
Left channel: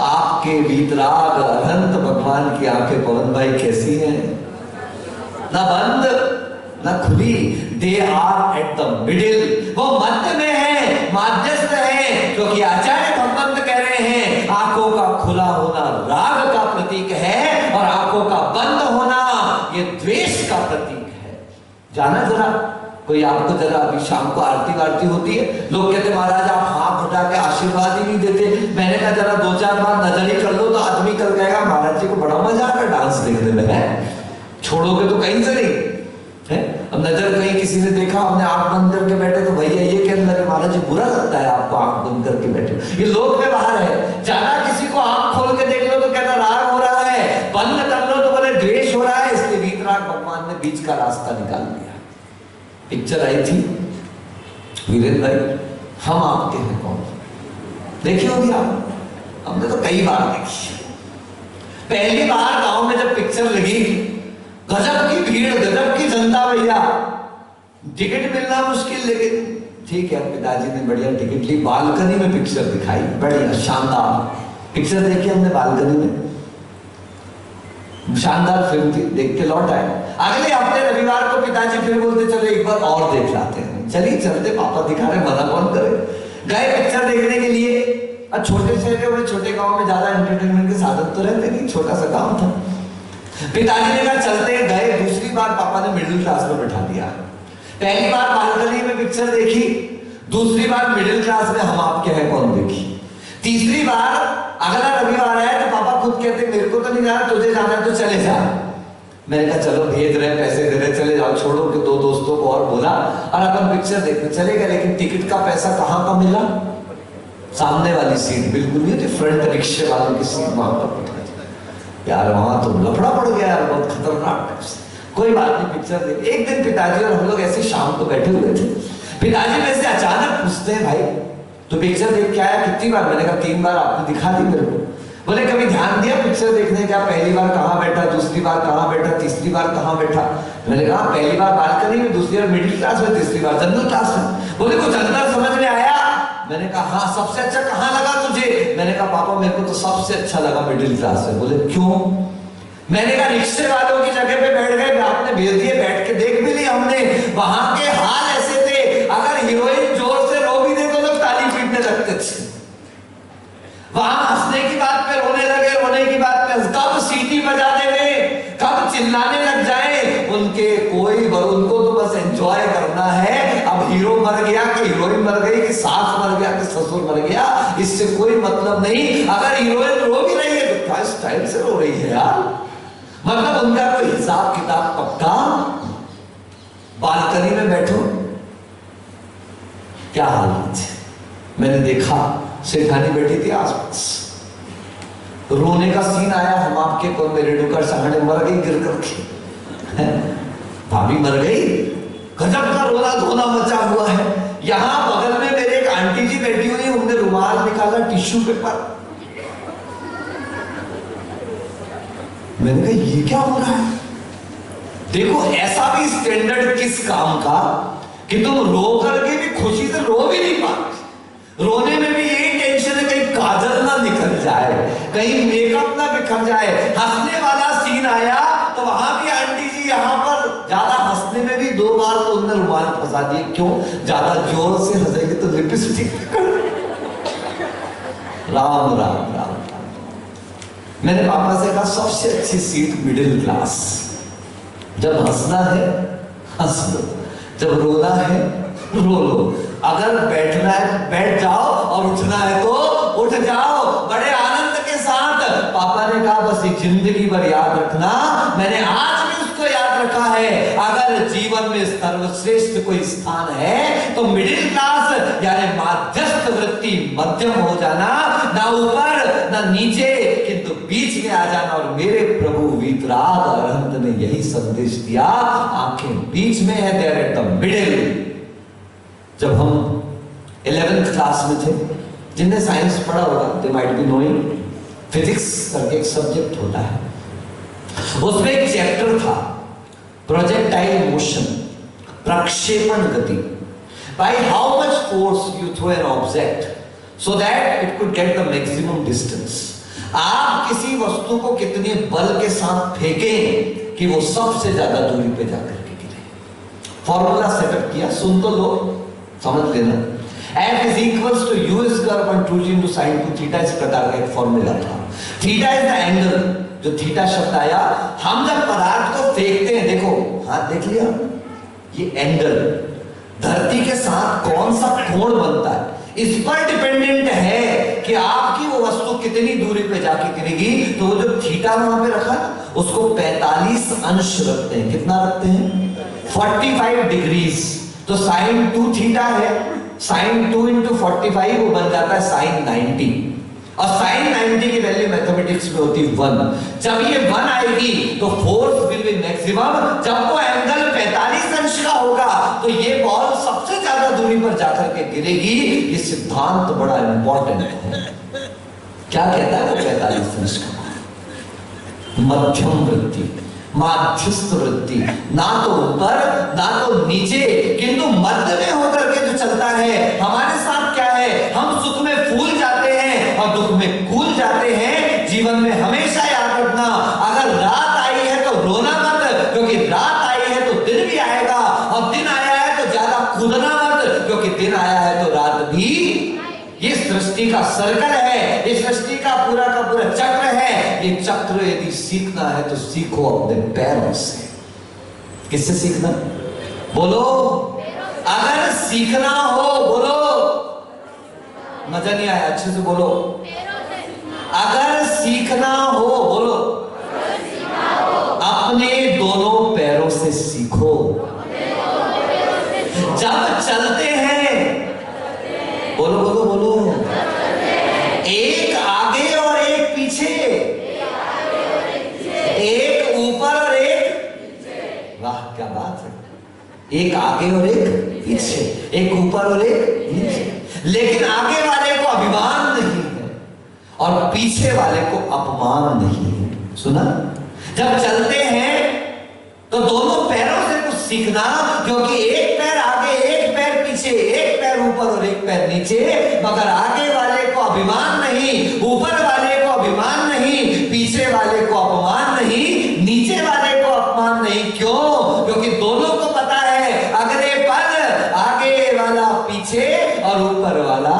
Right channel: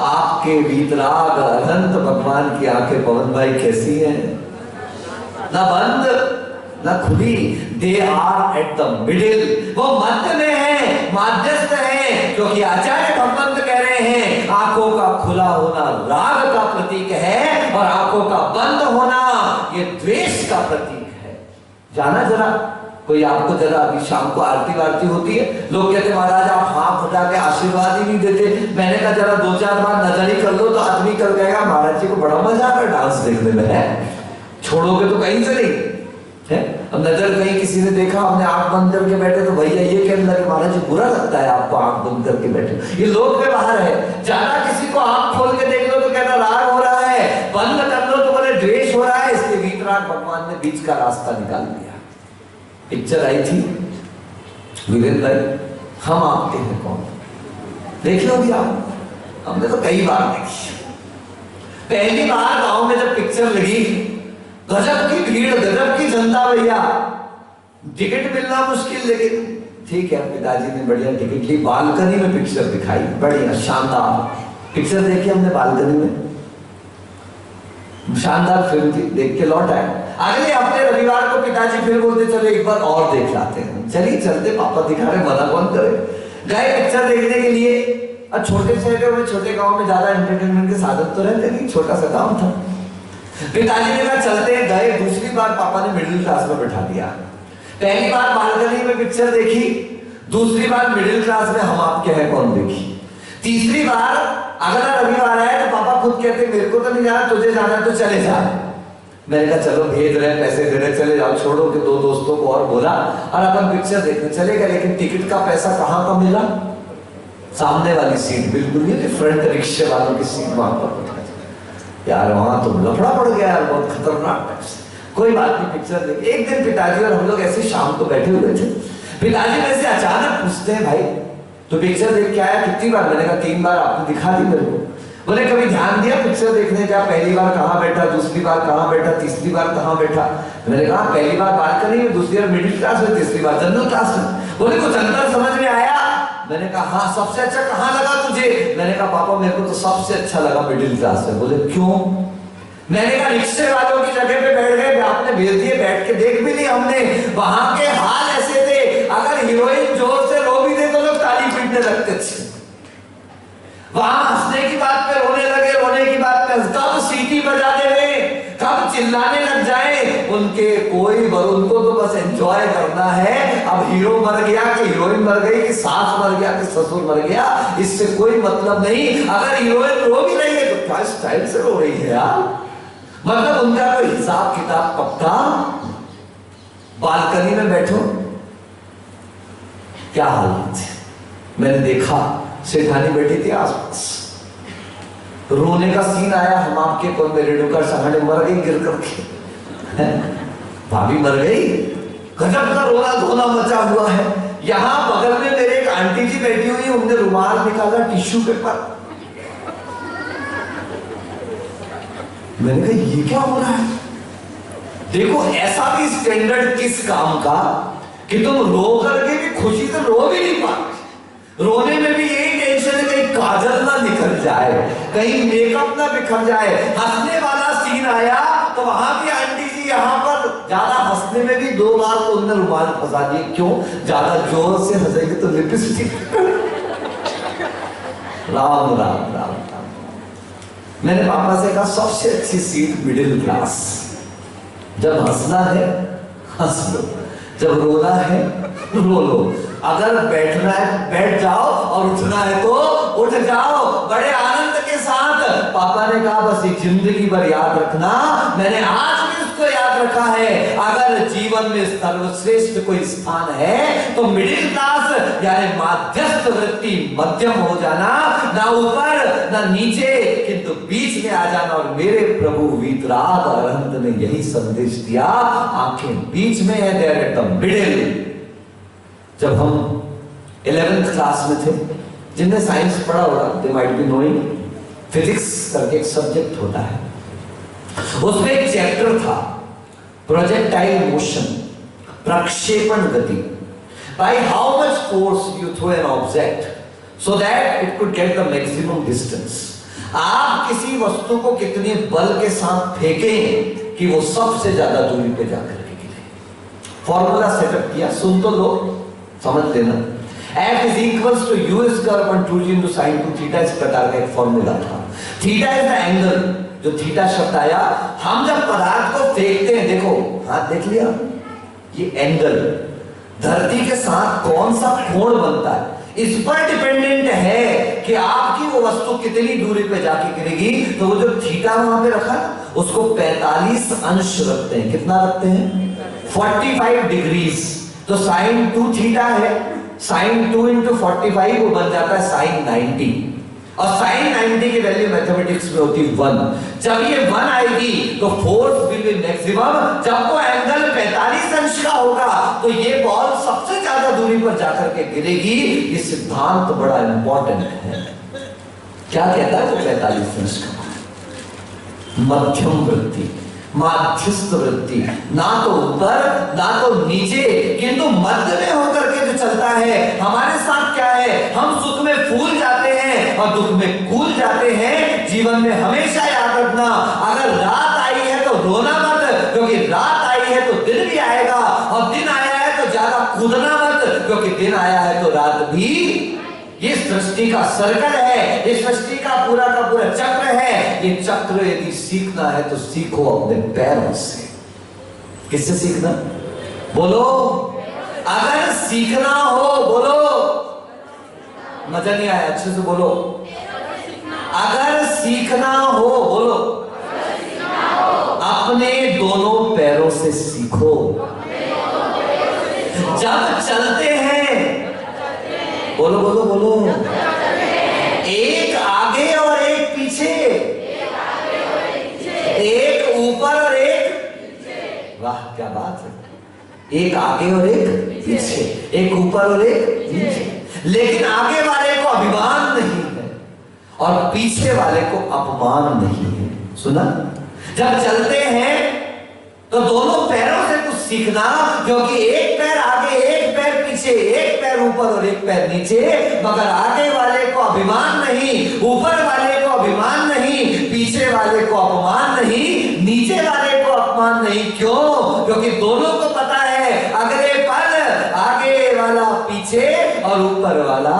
आपके वीतराग अनंत भगवान की आंखें पवन भाई कैसी हैं? ना बंद ना खुली, they are at the middle, वो मध्य में है, माध्यस्थ है, क्योंकि आचार्य भगवंत कह रहे हैं आंखों का खुला होना राग का प्रतीक है और आंखों का बंद होना ये द्वेष का प्रतीक है। जाना जरा, कोई आपको जरा अभी शाम को आरती वारती होती है, लोग कहते महाराज आप हाथ उठा के आशीर्वाद ही नहीं देते। मैंने कहा जरा 2-4 बार नजर ही कर लो तो आदमी कर कहेगा महाराज जी को बड़ा मजा आता है डांस देखने में, है छोड़ोगे तो कहीं से नहीं है। अब नजर कहीं किसी ने देखा, हमने आंख बंद करके बैठे तो भैया ये कहने लगे महाराज जी बुरा लगता है आपको आंख बंद करके बैठे, ये लोग में बाहर है। जाना किसी को आंख खोल के देख लो तो कहना राग हो रहा है, बंद कर लो तो बोले द्वेष हो रहा है। इसलिए वीतराग भगवान ने बीच का रास्ता निकाल दिया। पिक्चर आई थी वीरेंद्र भाई, हम आपके हैं कौन, देखिए होगी आप? हमने तो कई बार देखी। पहली बार गांव में जब पिक्चर लगी, गजब की भीड़, गजब की जनता भैया, टिकट मिलना मुश्किल, लेकिन ठीक है पिताजी ने बढ़िया टिकट ली, बालकनी में पिक्चर दिखाई, बढ़िया शानदार पिक्चर देखी हमने बालकनी में, शानदार फिल्म थी, देख के लौट आए। अगले हफ्ते रविवार को पिताजी फिर बोलते चलो एक बार और देख लाते हैं, चलिए चलते, पापा दिखा रहे, मना कौन करे। गए पिक्चर देखने के लिए। अब छोटे शहर में, छोटे गांव में ज्यादा एंटरटेनमेंट के साधन तो रहते नहीं, छोटा सा गांव था। पिताजी ने कहा चलते, गए। दूसरी बार पापा ने मिडिल क्लास में बैठा दिया। पहली बार बालकनी में पिक्चर देखी, दूसरी बार मिडिल क्लास में हम आपके हैं कौन देखी, तीसरी बार अगला रविवार है तो पापा खुद कहते मेरे को तो नहीं जाना, तुझे जाना है तो चले जा। मैंने कहा चलो भेज रहे, पैसे दे रहे, चले जाओ, छोड़ो कि 2 दोस्तों को और बोला और अपन पिक्चर देखने चले गए। लेकिन टिकट का पैसा कहां का मिला? सामने वाली सीट, बिल्कुल ये फ्रंट रिक्शे वालों की सीट, वहां पर बैठा। यार वहां तो लफड़ा पड़ गया यार, बहुत खतरनाक टाइप से। कोई बात नहीं, पिक्चर देख। एक दिन पिताजी और हम लोग ऐसे शाम को बैठे हुए थे, पिताजी मेरे से अचानक पूछते हैं, भाई तो पिक्चर देख के आया कितनी बार? मैंने कहा 3 बार, आपने दिखा दी मेरे को। बोले कभी ध्यान दिया पिक्चर देखने का, पहली बार कहाँ बैठा, दूसरी बार कहाँ बैठा, तीसरी बार कहाँ बैठा? मैंने कहा पहली बार बालकनी में, दूसरी बार मिडिल क्लास में, तीसरी बार जनरल क्लास में। बोले कुछ अंतर समझ में आया? मैंने कहा हाँ। सबसे अच्छा कहाँ लगा तुझे? मैंने कहा पापा मेरे को तो सबसे अच्छा लगा मिडिल क्लास में। बोले क्यों? मैंने कहा रिक्शे वालों की जगह पे बैठ गए, आपने भेज दिए, बैठ के देख भी ली हमने, वहां के हाल ऐसे थे, अगर हीरोइन जोर से रो भी दे तो लोग ताली पीटने लगते थे। वहां हंसने की बात पे रोने लगे, रोने की बात पे कब सीटी बजा देवे, कब चिल्लाने लग जाए, उनके कोई उनको तो बस एंजॉय करना है। अब हीरो मर गया कि हीरोइन मर गई, कि सास मर गया कि ससुर मर गया, इससे कोई मतलब नहीं। अगर हीरोइन रो भी रही है तो क्या स्टाइल से रो रही है यार, मतलब उनका कोई हिसाब किताब पक्का। बालकनी में बैठो, क्या हालत है? मैंने देखा सेठानी बैठी थी आसपास, रोने का सीन आया। हम आपके को मेरे डुकर सहाने मर गई गिर करके, भाभी मर गई, गजब का रोना धोना मचा हुआ है। यहां बगल में मेरे एक आंटी जी बैठी हुई, उन्होंने रुमाल निकाला, टिश्यू पेपर। मैंने कहा ये क्या हो रहा है? देखो ऐसा भी स्टैंडर्ड किस काम का कि तुम रो करके भी खुशी से रो भी नहीं पाते। रोने में भी यही टेंशन है कहीं काजल ना निकल जाए, कहीं मेकअप ना बिखर जाए। हंसने वाला सीन आया तो वहां भी आंटी जी यहाँ पर ज्यादा हंसने में भी 2 बार तो उन्होंने रुमाल फंसा दिए। क्यों? ज्यादा जोर से हंसेगी तो लिपस्टिक। राम राम राम। मैंने पापा से कहा सबसे अच्छी सीट मिडिल क्लास। जब हंसना है हंस लो, जब रोना है रो लो, अगर बैठना है बैठ जाओ और उठना है तो उठ जाओ बड़े आनंद के साथ। पापा ने कहा बस एक जिंदगी भर याद रखना, मैंने आज भी उसको याद रखा है। अगर जीवन में सर्वश्रेष्ठ कोई स्थान है तो मिडिल क्लास यानी मध्यस्थ वृत्ति, मध्यम हो जाना, ना ऊपर ना नीचे किंतु बीच में आ जाना। और मेरे प्रभु वीतराग अरहंत ने यही संदेश दिया, आंखें बीच में है, देयर एट द मिडिल। जब हम 11th क्लास में थे, जिनने साइंस पढ़ा होगा they might be knowing, physics करके एक सब्जेक्ट होता है, उसमें एक चैप्टर था प्रोजेक्टाइल मोशन, प्रक्षेपण गति। By how much force you throw an object so that it could get the maximum distance. आप किसी वस्तु को कितने बल के साथ फेंकें कि वो सबसे ज्यादा दूरी पे जाकर के गिरे। फॉर्मूला सेटअप किया, सुन तो लो, समझ लेना। F is equals to US curve on 2g into sin 2 theta, इस प्रकार का एक फॉर्मूला था। थीटा इज द एंगल, जो थीटा शब्द आया, हम जब पदार्थ को फेंकते हैं, देखो हाथ देख लिया, ये एंगल धरती के साथ कौन सा कोण बनता है, इस पर डिपेंडेंट है कि आपकी वो वस्तु कितनी दूरी पे जाके गिरेगी। तो वो जो थीटा वहां पे रखा उसको 45 अंश रखते हैं। कितना रखते हैं? 45 डिग्रीज। तो साइन 2 थीटा है, साइन 2 इंटू 45 वो बन जाता है साइन 90। और साइन 90 की वैल्यू मैथमेटिक्स में होती है 1। जब ये 1 आएगी तो फोर्स विल बी मैक्सिमम। जब वो एंगल 45 अंश का होगा तो ये बॉल सबसे ज्यादा दूरी पर जाकर के गिरेगी। ये सिद्धांत बड़ा इंपॉर्टेंट है। क्या कहता है वो 45 अंश का? मध्यम वृत्ति, माध्यस्थ वृत्ति, ना तो ऊपर ना तो नीचे किंतु मध्य में होकर के जो चलता है। हमारे साथ क्या है, हम सुख में फूल जाते हैं और दुख में कूद जाते हैं। जीवन में हमेशा याद रखना, अगर रात आई है तो रोना मत, क्योंकि रात आई है तो दिन भी आएगा, और दिन आया है तो ज्यादा कूदना मत, क्योंकि दिन आया है तो रात भी। ये सृष्टि का सर्कल है, ये सृष्टि का पूरा चक्र है। ये चक्र यदि सीखना है तो सीखो अपने पैरों से। किससे सीखना? बोलो। अगर सीखना हो, बोलो, मजा नहीं आया, अच्छे से बोलो। अगर सीखना हो, बोलो, अपने दोनों पैरों से सीखो। जब चलते हैं, बोलो बोलो बोलो, एक आगे और एक पीछे, एक आगे और एक पीछे, एक ऊपर और एक नीचे। लेकिन आगे वाले को अभिमान नहीं है और पीछे वाले को अपमान नहीं है। सुना? जब चलते हैं तो दोनों पैरों से कुछ सीखना, क्योंकि एक पैर आगे, एक पैर पीछे, एक पैर ऊपर और एक पैर नीचे। मगर आगे वाले को अभिमान नहीं, ऊपर वाले को अभिमान नहीं, पीछे वाले को अपमान नहीं, नीचे वाले को अपमान नहीं। क्यों? क्योंकि दोनों को पता है अगले पल आगे वाला पीछे और ऊपर वाला।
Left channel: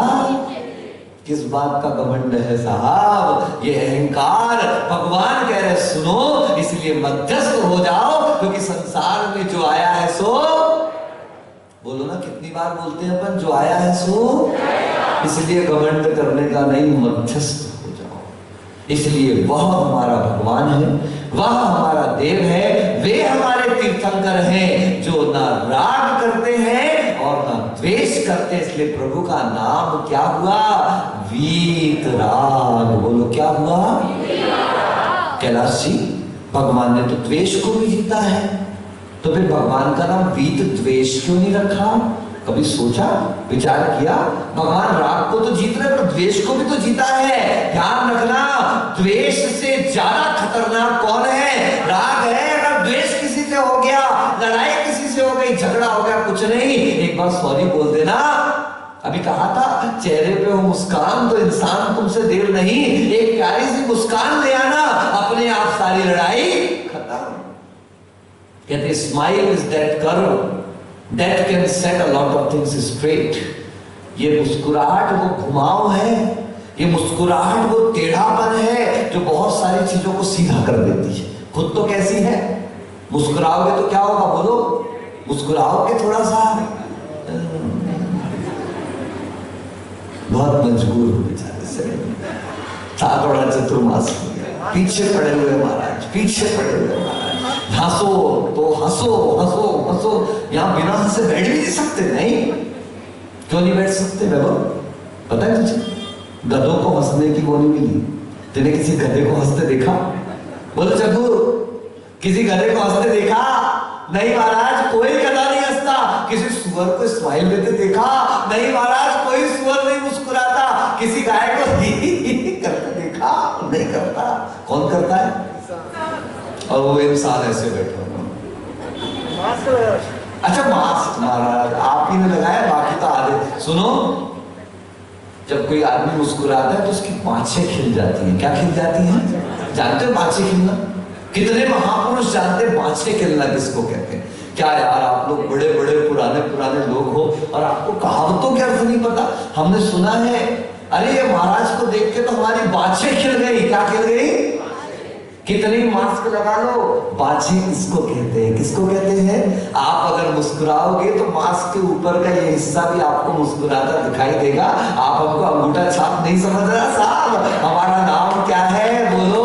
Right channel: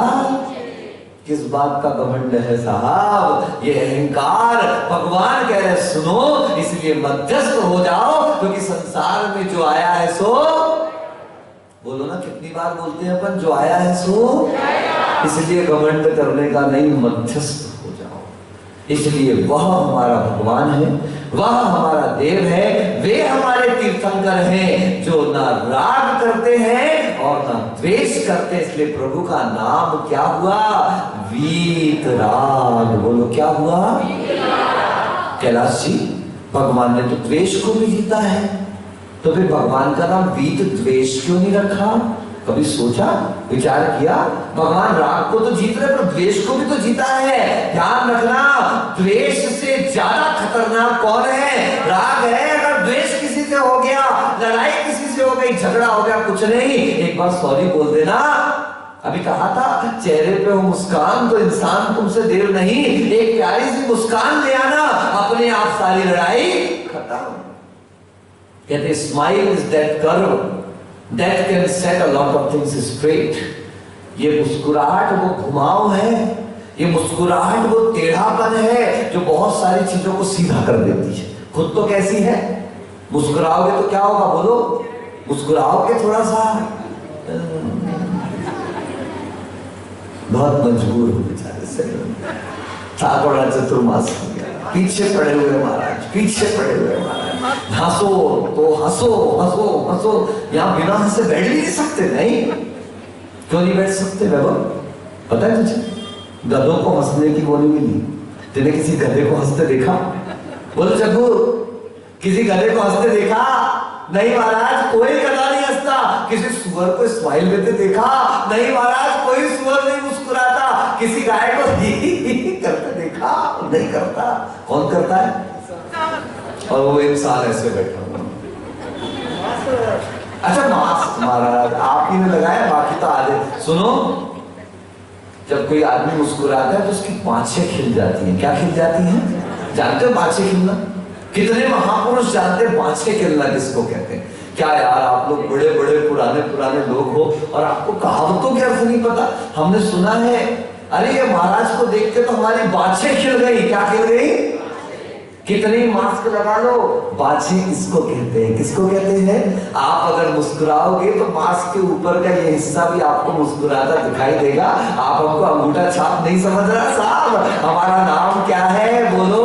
किस बात का घमंड है साहब? ये अहंकार। भगवान कह रहे सुनो, इसलिए मध्यस्थ हो जाओ, क्योंकि संसार में जो आया है सो, बोलो ना, कितनी बार बोलते हैं अपन, जो आया है सो। इसलिए घमंड करने का नहीं, मध्यस्थ हो जाओ। इसलिए वह हमारा भगवान है, वह हमारा देव है, वे हमारे तीर्थंकर हैं जो ना राग करते हैं और ना द्वेष करते। इसलिए प्रभु का नाम क्या हुआ? वीतराग। बोलो क्या हुआ? कैलाश जी, भगवान ने तो द्वेष को भी जीता है, तो फिर भगवान का नाम वीत द्वेष क्यों नहीं रखा? कभी सोचा, विचार किया? भगवान राग को तो जीत रहे, पर द्वेष को भी तो जीता है। ध्यान रखना, द्वेष से ज्यादा खतरनाक कौन है? राग है। अगर द्वेष किसी से हो गया, लड़ाई किसी से हो गई, झगड़ा हो गया, कुछ नहीं, एक बार सॉरी बोल देना। अभी कहा था चेहरे पे हो मुस्कान तो इंसान तुमसे देर नहीं, एक प्यारी सी मुस्कान ले आना, अपने आप सारी लड़ाई खत्म। कहते smile is that curve that can set a lot of things straight। ये मुस्कुराहट वो घुमाव है, ये मुस्कुराहट वो टेढ़ापन है जो बहुत सारी चीजों को सीधा कर देती है। खुद तो कैसी है? मुस्कुराओगे तो क्या होगा? बोलो, मुस्कुराओगे थोड़ा सा, बहुत मजबूर हो बेचारे से, था बड़ा चतुर्मास, पीछे पड़े हुए महाराज, पीछे पड़े हुए महाराज। हंसो तो हंसो, हंसो हंसो, यहां बिना हंसे बैठ भी नहीं सकते। नहीं, क्यों नहीं बैठ सकते? वैभव पता है तुझे? गधों को हंसने की वो नहीं मिली। तेने किसी गधे को हंसते देखा? बोलो चक्कू, किसी गधे को हंसते देखा? नहीं महाराज, कोई गधा नहीं हंसता। किसी सुअर को स्माइल देते देखा? नहीं महाराज, कोई सुअर नहीं मुस्कुराता। किसी गाय को करते देखा? नहीं करता। कौन करता है? और वो इंसान ऐसे बैठा। अच्छा, मास्क महाराज आप ही ने लगाया, बाकी तो आधे। सुनो, जब कोई आदमी मुस्कुराता है तो उसकी पांछें खिल जाती हैं। क्या खिल जाती हैं? जानते हो पांछें खिलना? कितने महापुरुष जानते हैं पांछें खिलना किसको कहते हैं? क्या यार, आप लोग बड़े बड़े पुराने पुराने लोग हो और आपको कहावतों के अर्थ नहीं पता। हमने सुना है, अरे ये महाराज को देख के तो हमारी बाछें खिल गई। क्या खिल गई? कितनी मास्क लगा लो, बाछी किसको कहते हैं? किसको कहते हैं? आप अगर मुस्कुराओगे तो मास्क के ऊपर का ये हिस्सा भी आपको मुस्कुराता दिखाई देगा। आप हमको अंगूठा छाप नहीं समझ रहा साहब? हमारा नाम क्या है? बोलो,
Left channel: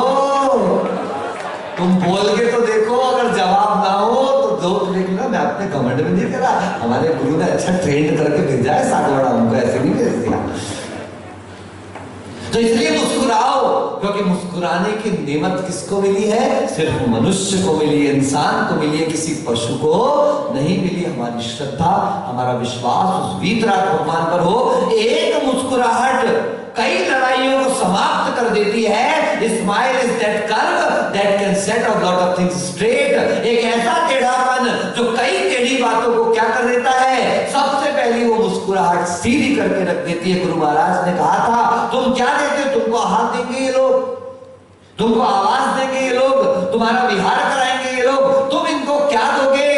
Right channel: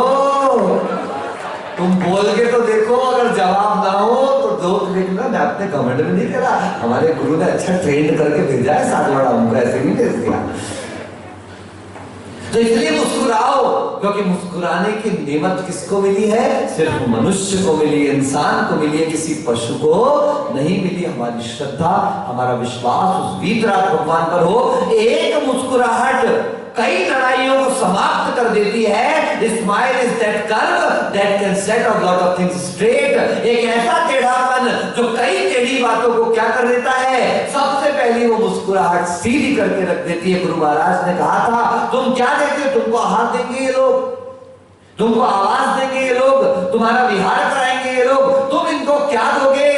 तुम बोल के तो देखो, अगर जवाब ना हो तो दो देखना। मैं अपने कमेंट में नहीं करा, हमारे गुरु ने अच्छा ट्रेंड करके भेजा है, साथ बड़ा हमको ऐसे नहीं भेज दिया। तो इसलिए मुस्कुराओ, क्योंकि मुस्कुराने की नेमत किसको मिली है? सिर्फ मनुष्य को मिली है, इंसान को मिली है, किसी पशु को नहीं मिली। हमारी श्रद्धा, हमारा विश्वास उस वीतराग भगवान पर हो। एक मुस्कुराहट कई लड़ाइयों को समाप्त कर देती है। Smile is that curve that can set a lot of things straight. एक ऐसा टेढ़ापन जो कई टेढ़ी बातों को क्या कर देता है? सबसे पहली वो मुस्कुराहट सीधी करके रख देती है। गुरु महाराज ने कहा था, तुम क्या देते हो? तुमको आहार देंगे ये लोग, तुमको आवाज देंगे ये लोग, तुम्हारा विहार कराएंगे ये लोग, तुम इनको क्या दोगे?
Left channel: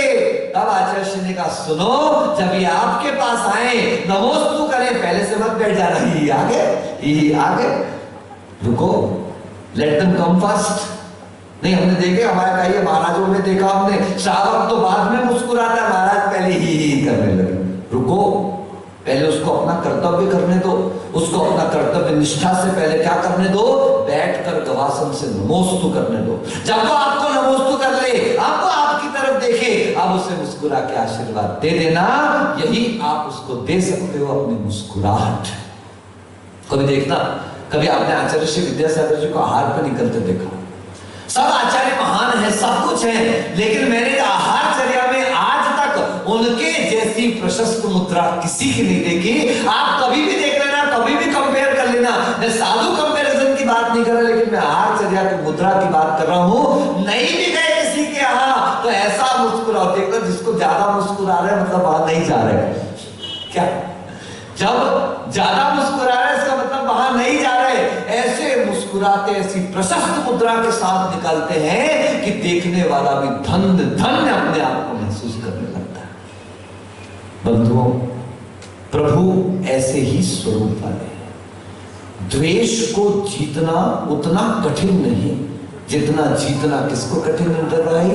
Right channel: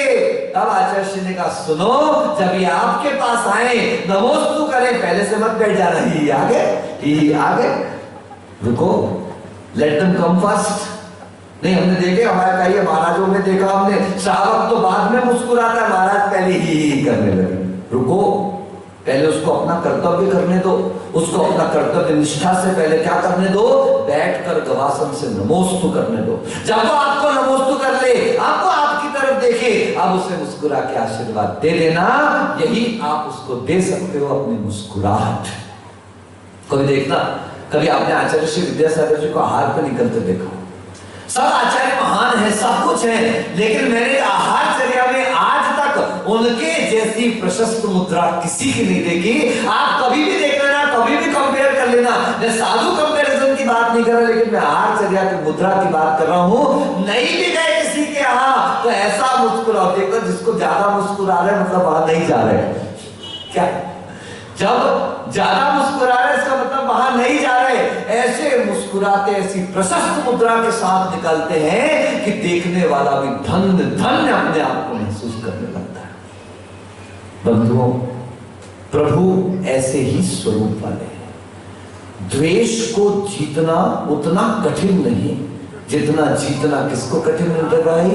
तब आचार्य ने कहा, सुनो, जब ये आपके पास आए, नमोस्तु करें, पहले से मत बैठ जाना, ही आगे रुको, लेट देम कम फर्स्ट। नहीं, हमने देखे, हमारा कई महाराजों में देखा हमने, श्रावक तो बाद में मुस्कुराता, महाराज पहले ही करने लगे। रुको, पहले उसको अपना कर्तव्य करने दो, उसको अपना कर्तव्य निष्ठा से पहले क्या करने दो? बैठकर गवासन से नमोस्तु करने दो। जब वो आपको नमोस्तु कर ले, आपको आपकी तरफ देखे, आप उसे मुस्कुरा के आशीर्वाद दे देना। यही आप उसको दे सकते हो, अपनी मुस्कुराहट। कभी देखना, कभी आपने आचार्य श्री विद्यासागर जी को आहार पे निकलते देखा? सब आचार्य महान है, सब कुछ है, लेकिन मैंने आहारचर्या में आज तक उनके जैसी प्रशस्त मुद्रा किसी की नहीं देखी। आप कभी भी देख लेना, कभी भी कंपेयर कर लेना। मैं साधु कंपैरिजन की बात नहीं कर रहा, लेकिन मैं आहारचर्या की मुद्रा की बात कर रहा हूं। नहीं भी गए किसी के यहाँ तो ऐसा मुस्कुराओ, देखो जिसको ज्यादा मुस्कुरा रहे मतलब वहां नहीं जा रहे। क्या जब ज्यादा मुस्कुरा रहे इसका मतलब वहां नहीं जा रहे। ऐसे मुस्कुराते, ऐसी प्रशस्त मुद्रा के साथ निकलते हैं कि देखने वाला भी धन्य धन्य अपने आप को महसूस करने लगता है। बंधुओं, प्रभु ऐसे ही स्वरूप वाले हैं। द्वेष को जीतना उतना कठिन नहीं जितना जीतना किसको कठिन है भाई?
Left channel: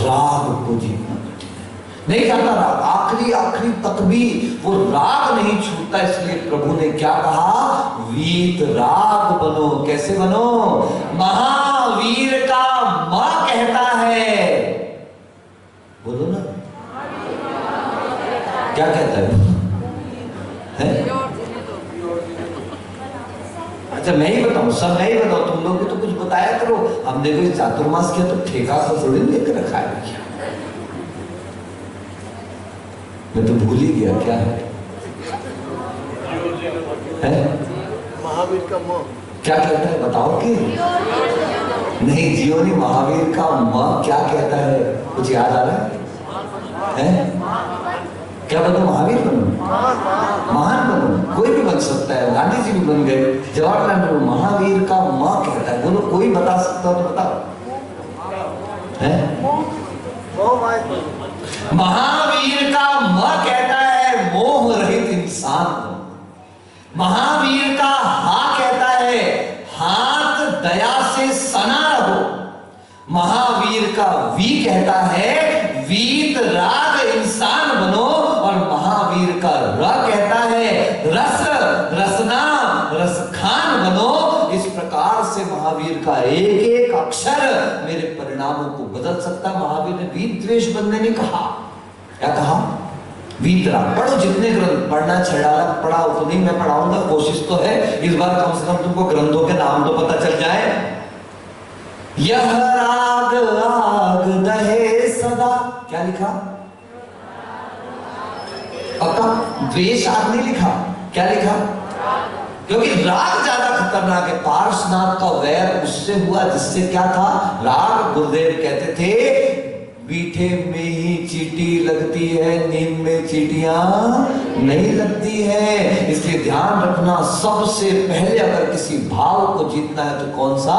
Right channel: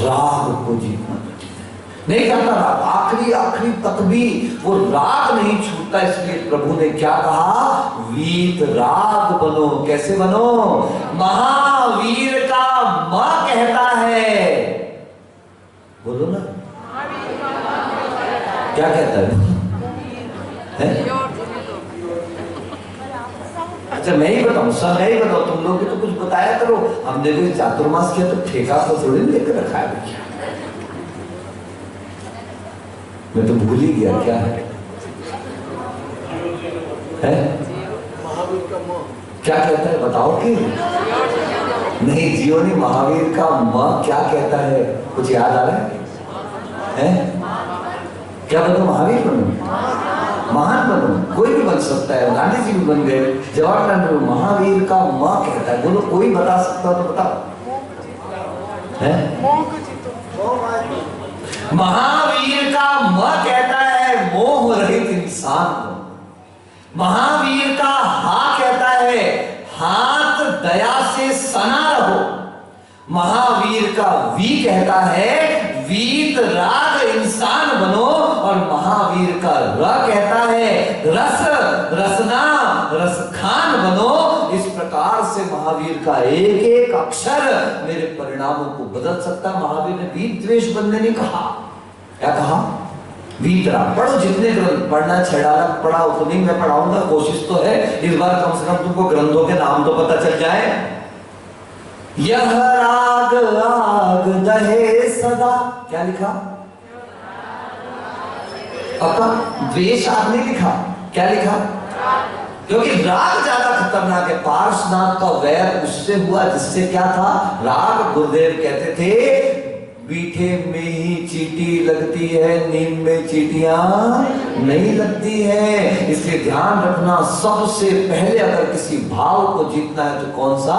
राग को जीतना कठिन है। नहीं जाता राग, आखिरी आखिरी तक भी वो राग नहीं छूटता। इसलिए प्रभु ने क्या कहा? वीत राग बनो। कैसे बनो? महावीर का मां कहता है, बोलो ना, क्या कहता है? अच्छा मैं ही बताऊं, सब मैं ही बताऊं, तुम लोग भी तो कुछ बताया करो। हमने भी चातुर्मास किया तो ठेका तो थोड़ी लेकर रखा है। मैं तो भूल ही गया क्या है? महावीर का मां क्या कहता है बताओ कि नहीं? जियो नहीं, महावीर का मां क्या कहता है? कुछ याद आ रहा है? क्या बनो? महावीर बनो, महान बनो। कोई भी बन सकता है, गांधी जी भी बन गए, जवाहरलाल नेहरू। महावीर का मां कहता है, बोलो कोई बता सकता हो तो बताओ। महावीर का मां कहता है मोह रहित इंसान बनो। महावीर का हा कहता है हाथ दया से सना रहो। महावीर का वी कहता है वीत राग इंसान बनो। और महावीर का र कहता है रस रसना रसखान बनो। इस प्रकार से महावीर का एक एक अक्षर मेरे परिणामों को बदल सकता। महावीर ने वीत द्वेष बनने नहीं कहा। क्या कहा? वीत राग। पढ़ो जितने ग्रंथ पढ़ना, छेड़ाना पढ़ा उतनी मैं पढ़ाऊंगा, कोशिश तो है। इस बार कम से कम तुमको ग्रंथों के नाम तो पता चल जाए। यह राग राग दहे सदा, क्या लिखा? पक्का द्वेष आग नहीं लिखा। क्या लिखा? क्योंकि राग ज्यादा खतरनाक है। पार्श्वनाथ का वैर उससे हुआ जिससे क्या था? राग। गुरुदेव कहते थे मीठे में ही चींटी लगती है, नींद में चींटियां नहीं लगती है। इसलिए ध्यान रखना, सबसे पहले अगर किसी भाव को जीतना है तो कौन सा?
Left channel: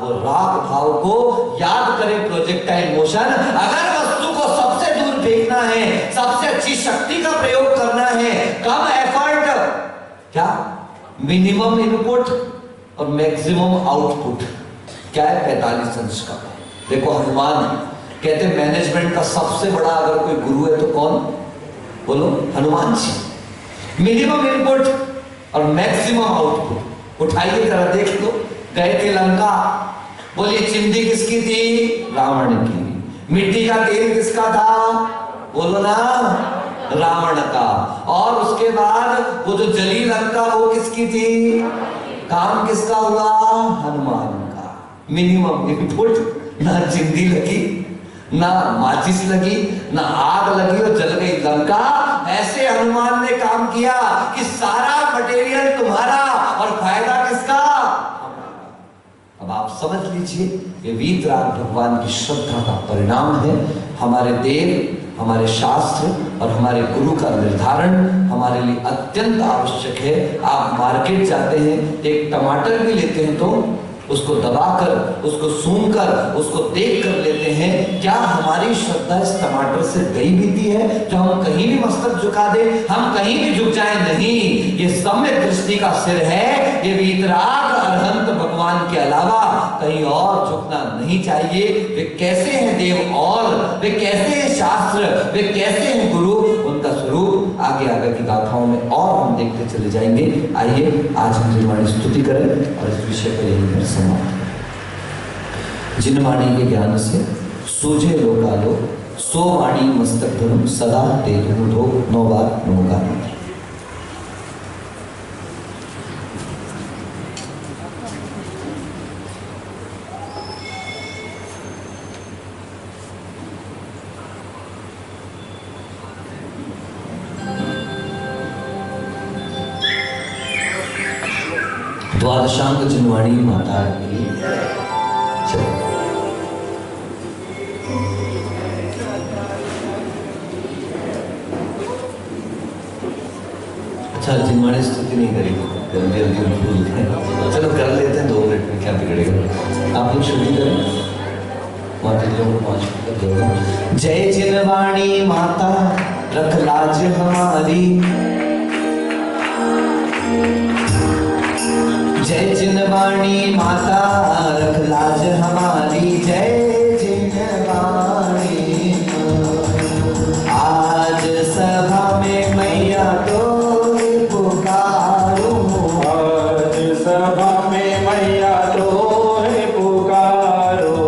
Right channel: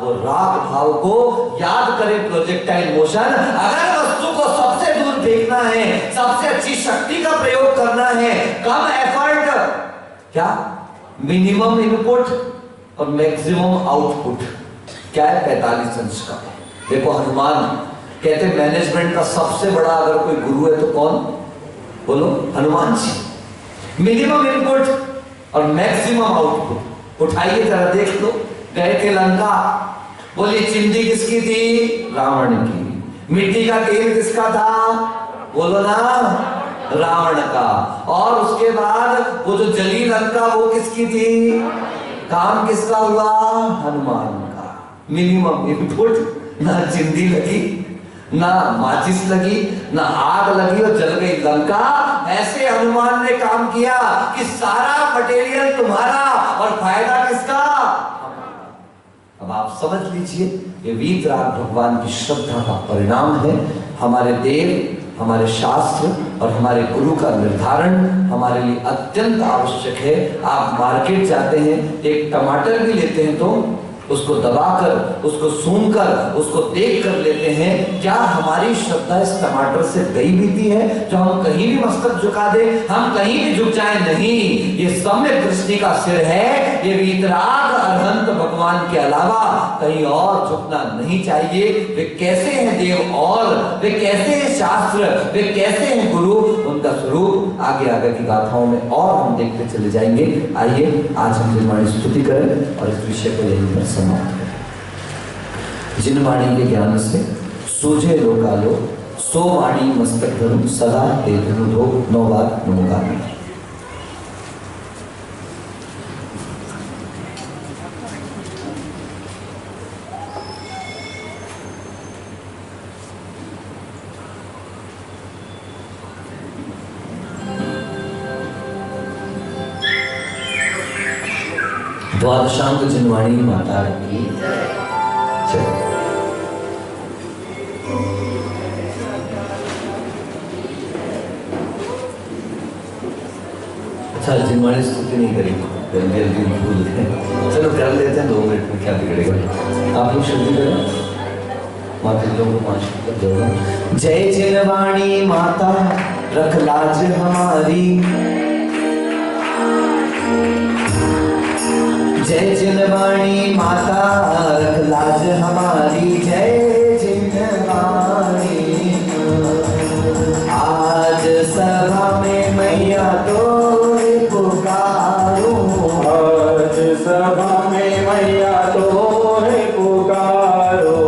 वो राग भाव को याद करें। Projectile motion. अगर वस्तु को सबसे दूर फेंकना है, सबसे अच्छी शक्ति का प्रयोग करना है, कम एफर्ट, क्या मिनिमम इनपुट और मैक्सिमम आउटपुट, क्या है? 45 अंश का। देखो हनुमान कहते मैनेजमेंट का सबसे बड़ा अगर कोई गुरु है तो कौन? बोलो हनुमान जी। मिनिमम इनपुट और मैक्सिमम आउटपुट। उठाइए जरा देख लो। गए थे लंका, बोलिए चिंदी किसकी थी? रावण की। मिट्टी का तेल किसका था? बोलो ना, रावण का। और उसके बाद वो जो जली लंका वो किसकी थी? काम किसका हुआ? हनुमान का। मिनिमम इनपुट, ना चिंदी लगी, ना माचिस लगी, ना आग लगी और जल गई लंका। ऐसे हनुमान ने काम किया कि सारा मटेरियल तुम्हारा और फायदा किसका? अब आप समझ लीजिए, ये वीत राग भगवान की श्रद्धा का परिणाम है। हमारे देव, हमारे शास्त्र और हमारे गुरु का निर्धारण हमारे लिए अत्यंत आवश्यक है। आप मार्केट जाते हैं, एक टमाटर भी लेते हैं तो उसको दबाकर, उसको सूंघकर, उसको देख कर लेते हैं। क्या हमारी श्रद्धा इस टमाटर से गई बीती है जो हम कहीं भी मस्तक झुका दे, हम कहीं भी झुक जाए? नहीं, ये सम्यक दृष्टि का सिर है। ये वीतराग अरहंत भगवान के अलावा कहीं और झुकना नहीं चाहिए। वे कैसे हैं देव और वे कैसे हैं शास्त्र, वे कैसे हैं गुरु, उनका स्वरूप आगे आगे की गाथाओं में और हम देखते चले जाएंगे। आइए आज हम जिनवाणी स्तुति करें और इस विषय को यहीं पर समाप्त करें। जिनवाणी के ज्ञान से सूझे लोकालो, सो वाणी मस्तक धरुम सदा ते धुनो 9 बार नमोगामी। द्वादशांग जिनवाणी माता की जय। अच्छा, जिनवाणी स्तुति नहीं करेंगे, जल्दी जल्दी भूल हैं। चलो कर लेते हैं 2 मिनट में, क्या बिगड़ेगा। आप लोग शुरू करें, माता जी को 5 मिनट जोड़ो। जय जिनवाणी माता रख लाज हमारी, जय जिनवाणी माता रख लाज हमारी, जय जिनवाणी। आज सभा में मैया तो पुकारूं, आज सभा में मैया तो पुकारो,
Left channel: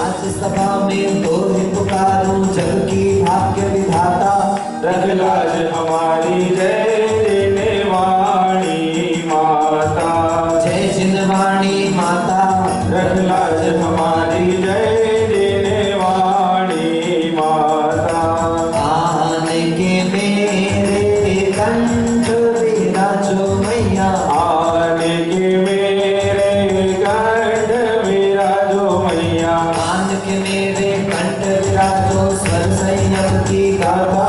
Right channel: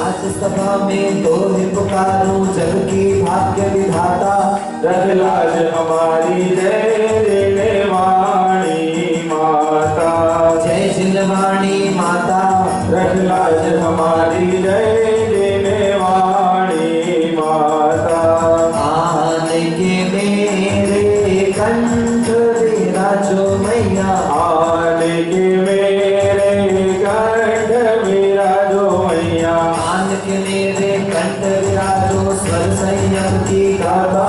आज सभा में तो पुकारूं, जग की भाग्य विधाता रख लाज हमारी, जय जिनवाणी माता, जय जिनवाणी माता रख लाज हमारी, जय जिनवाणी माता। आन के मेरे कंठ विराजो मैया, आन के मेरे कंठ विराजो मैया, आन के मेरे कंठ विराजो, स्वर संयम की गाथा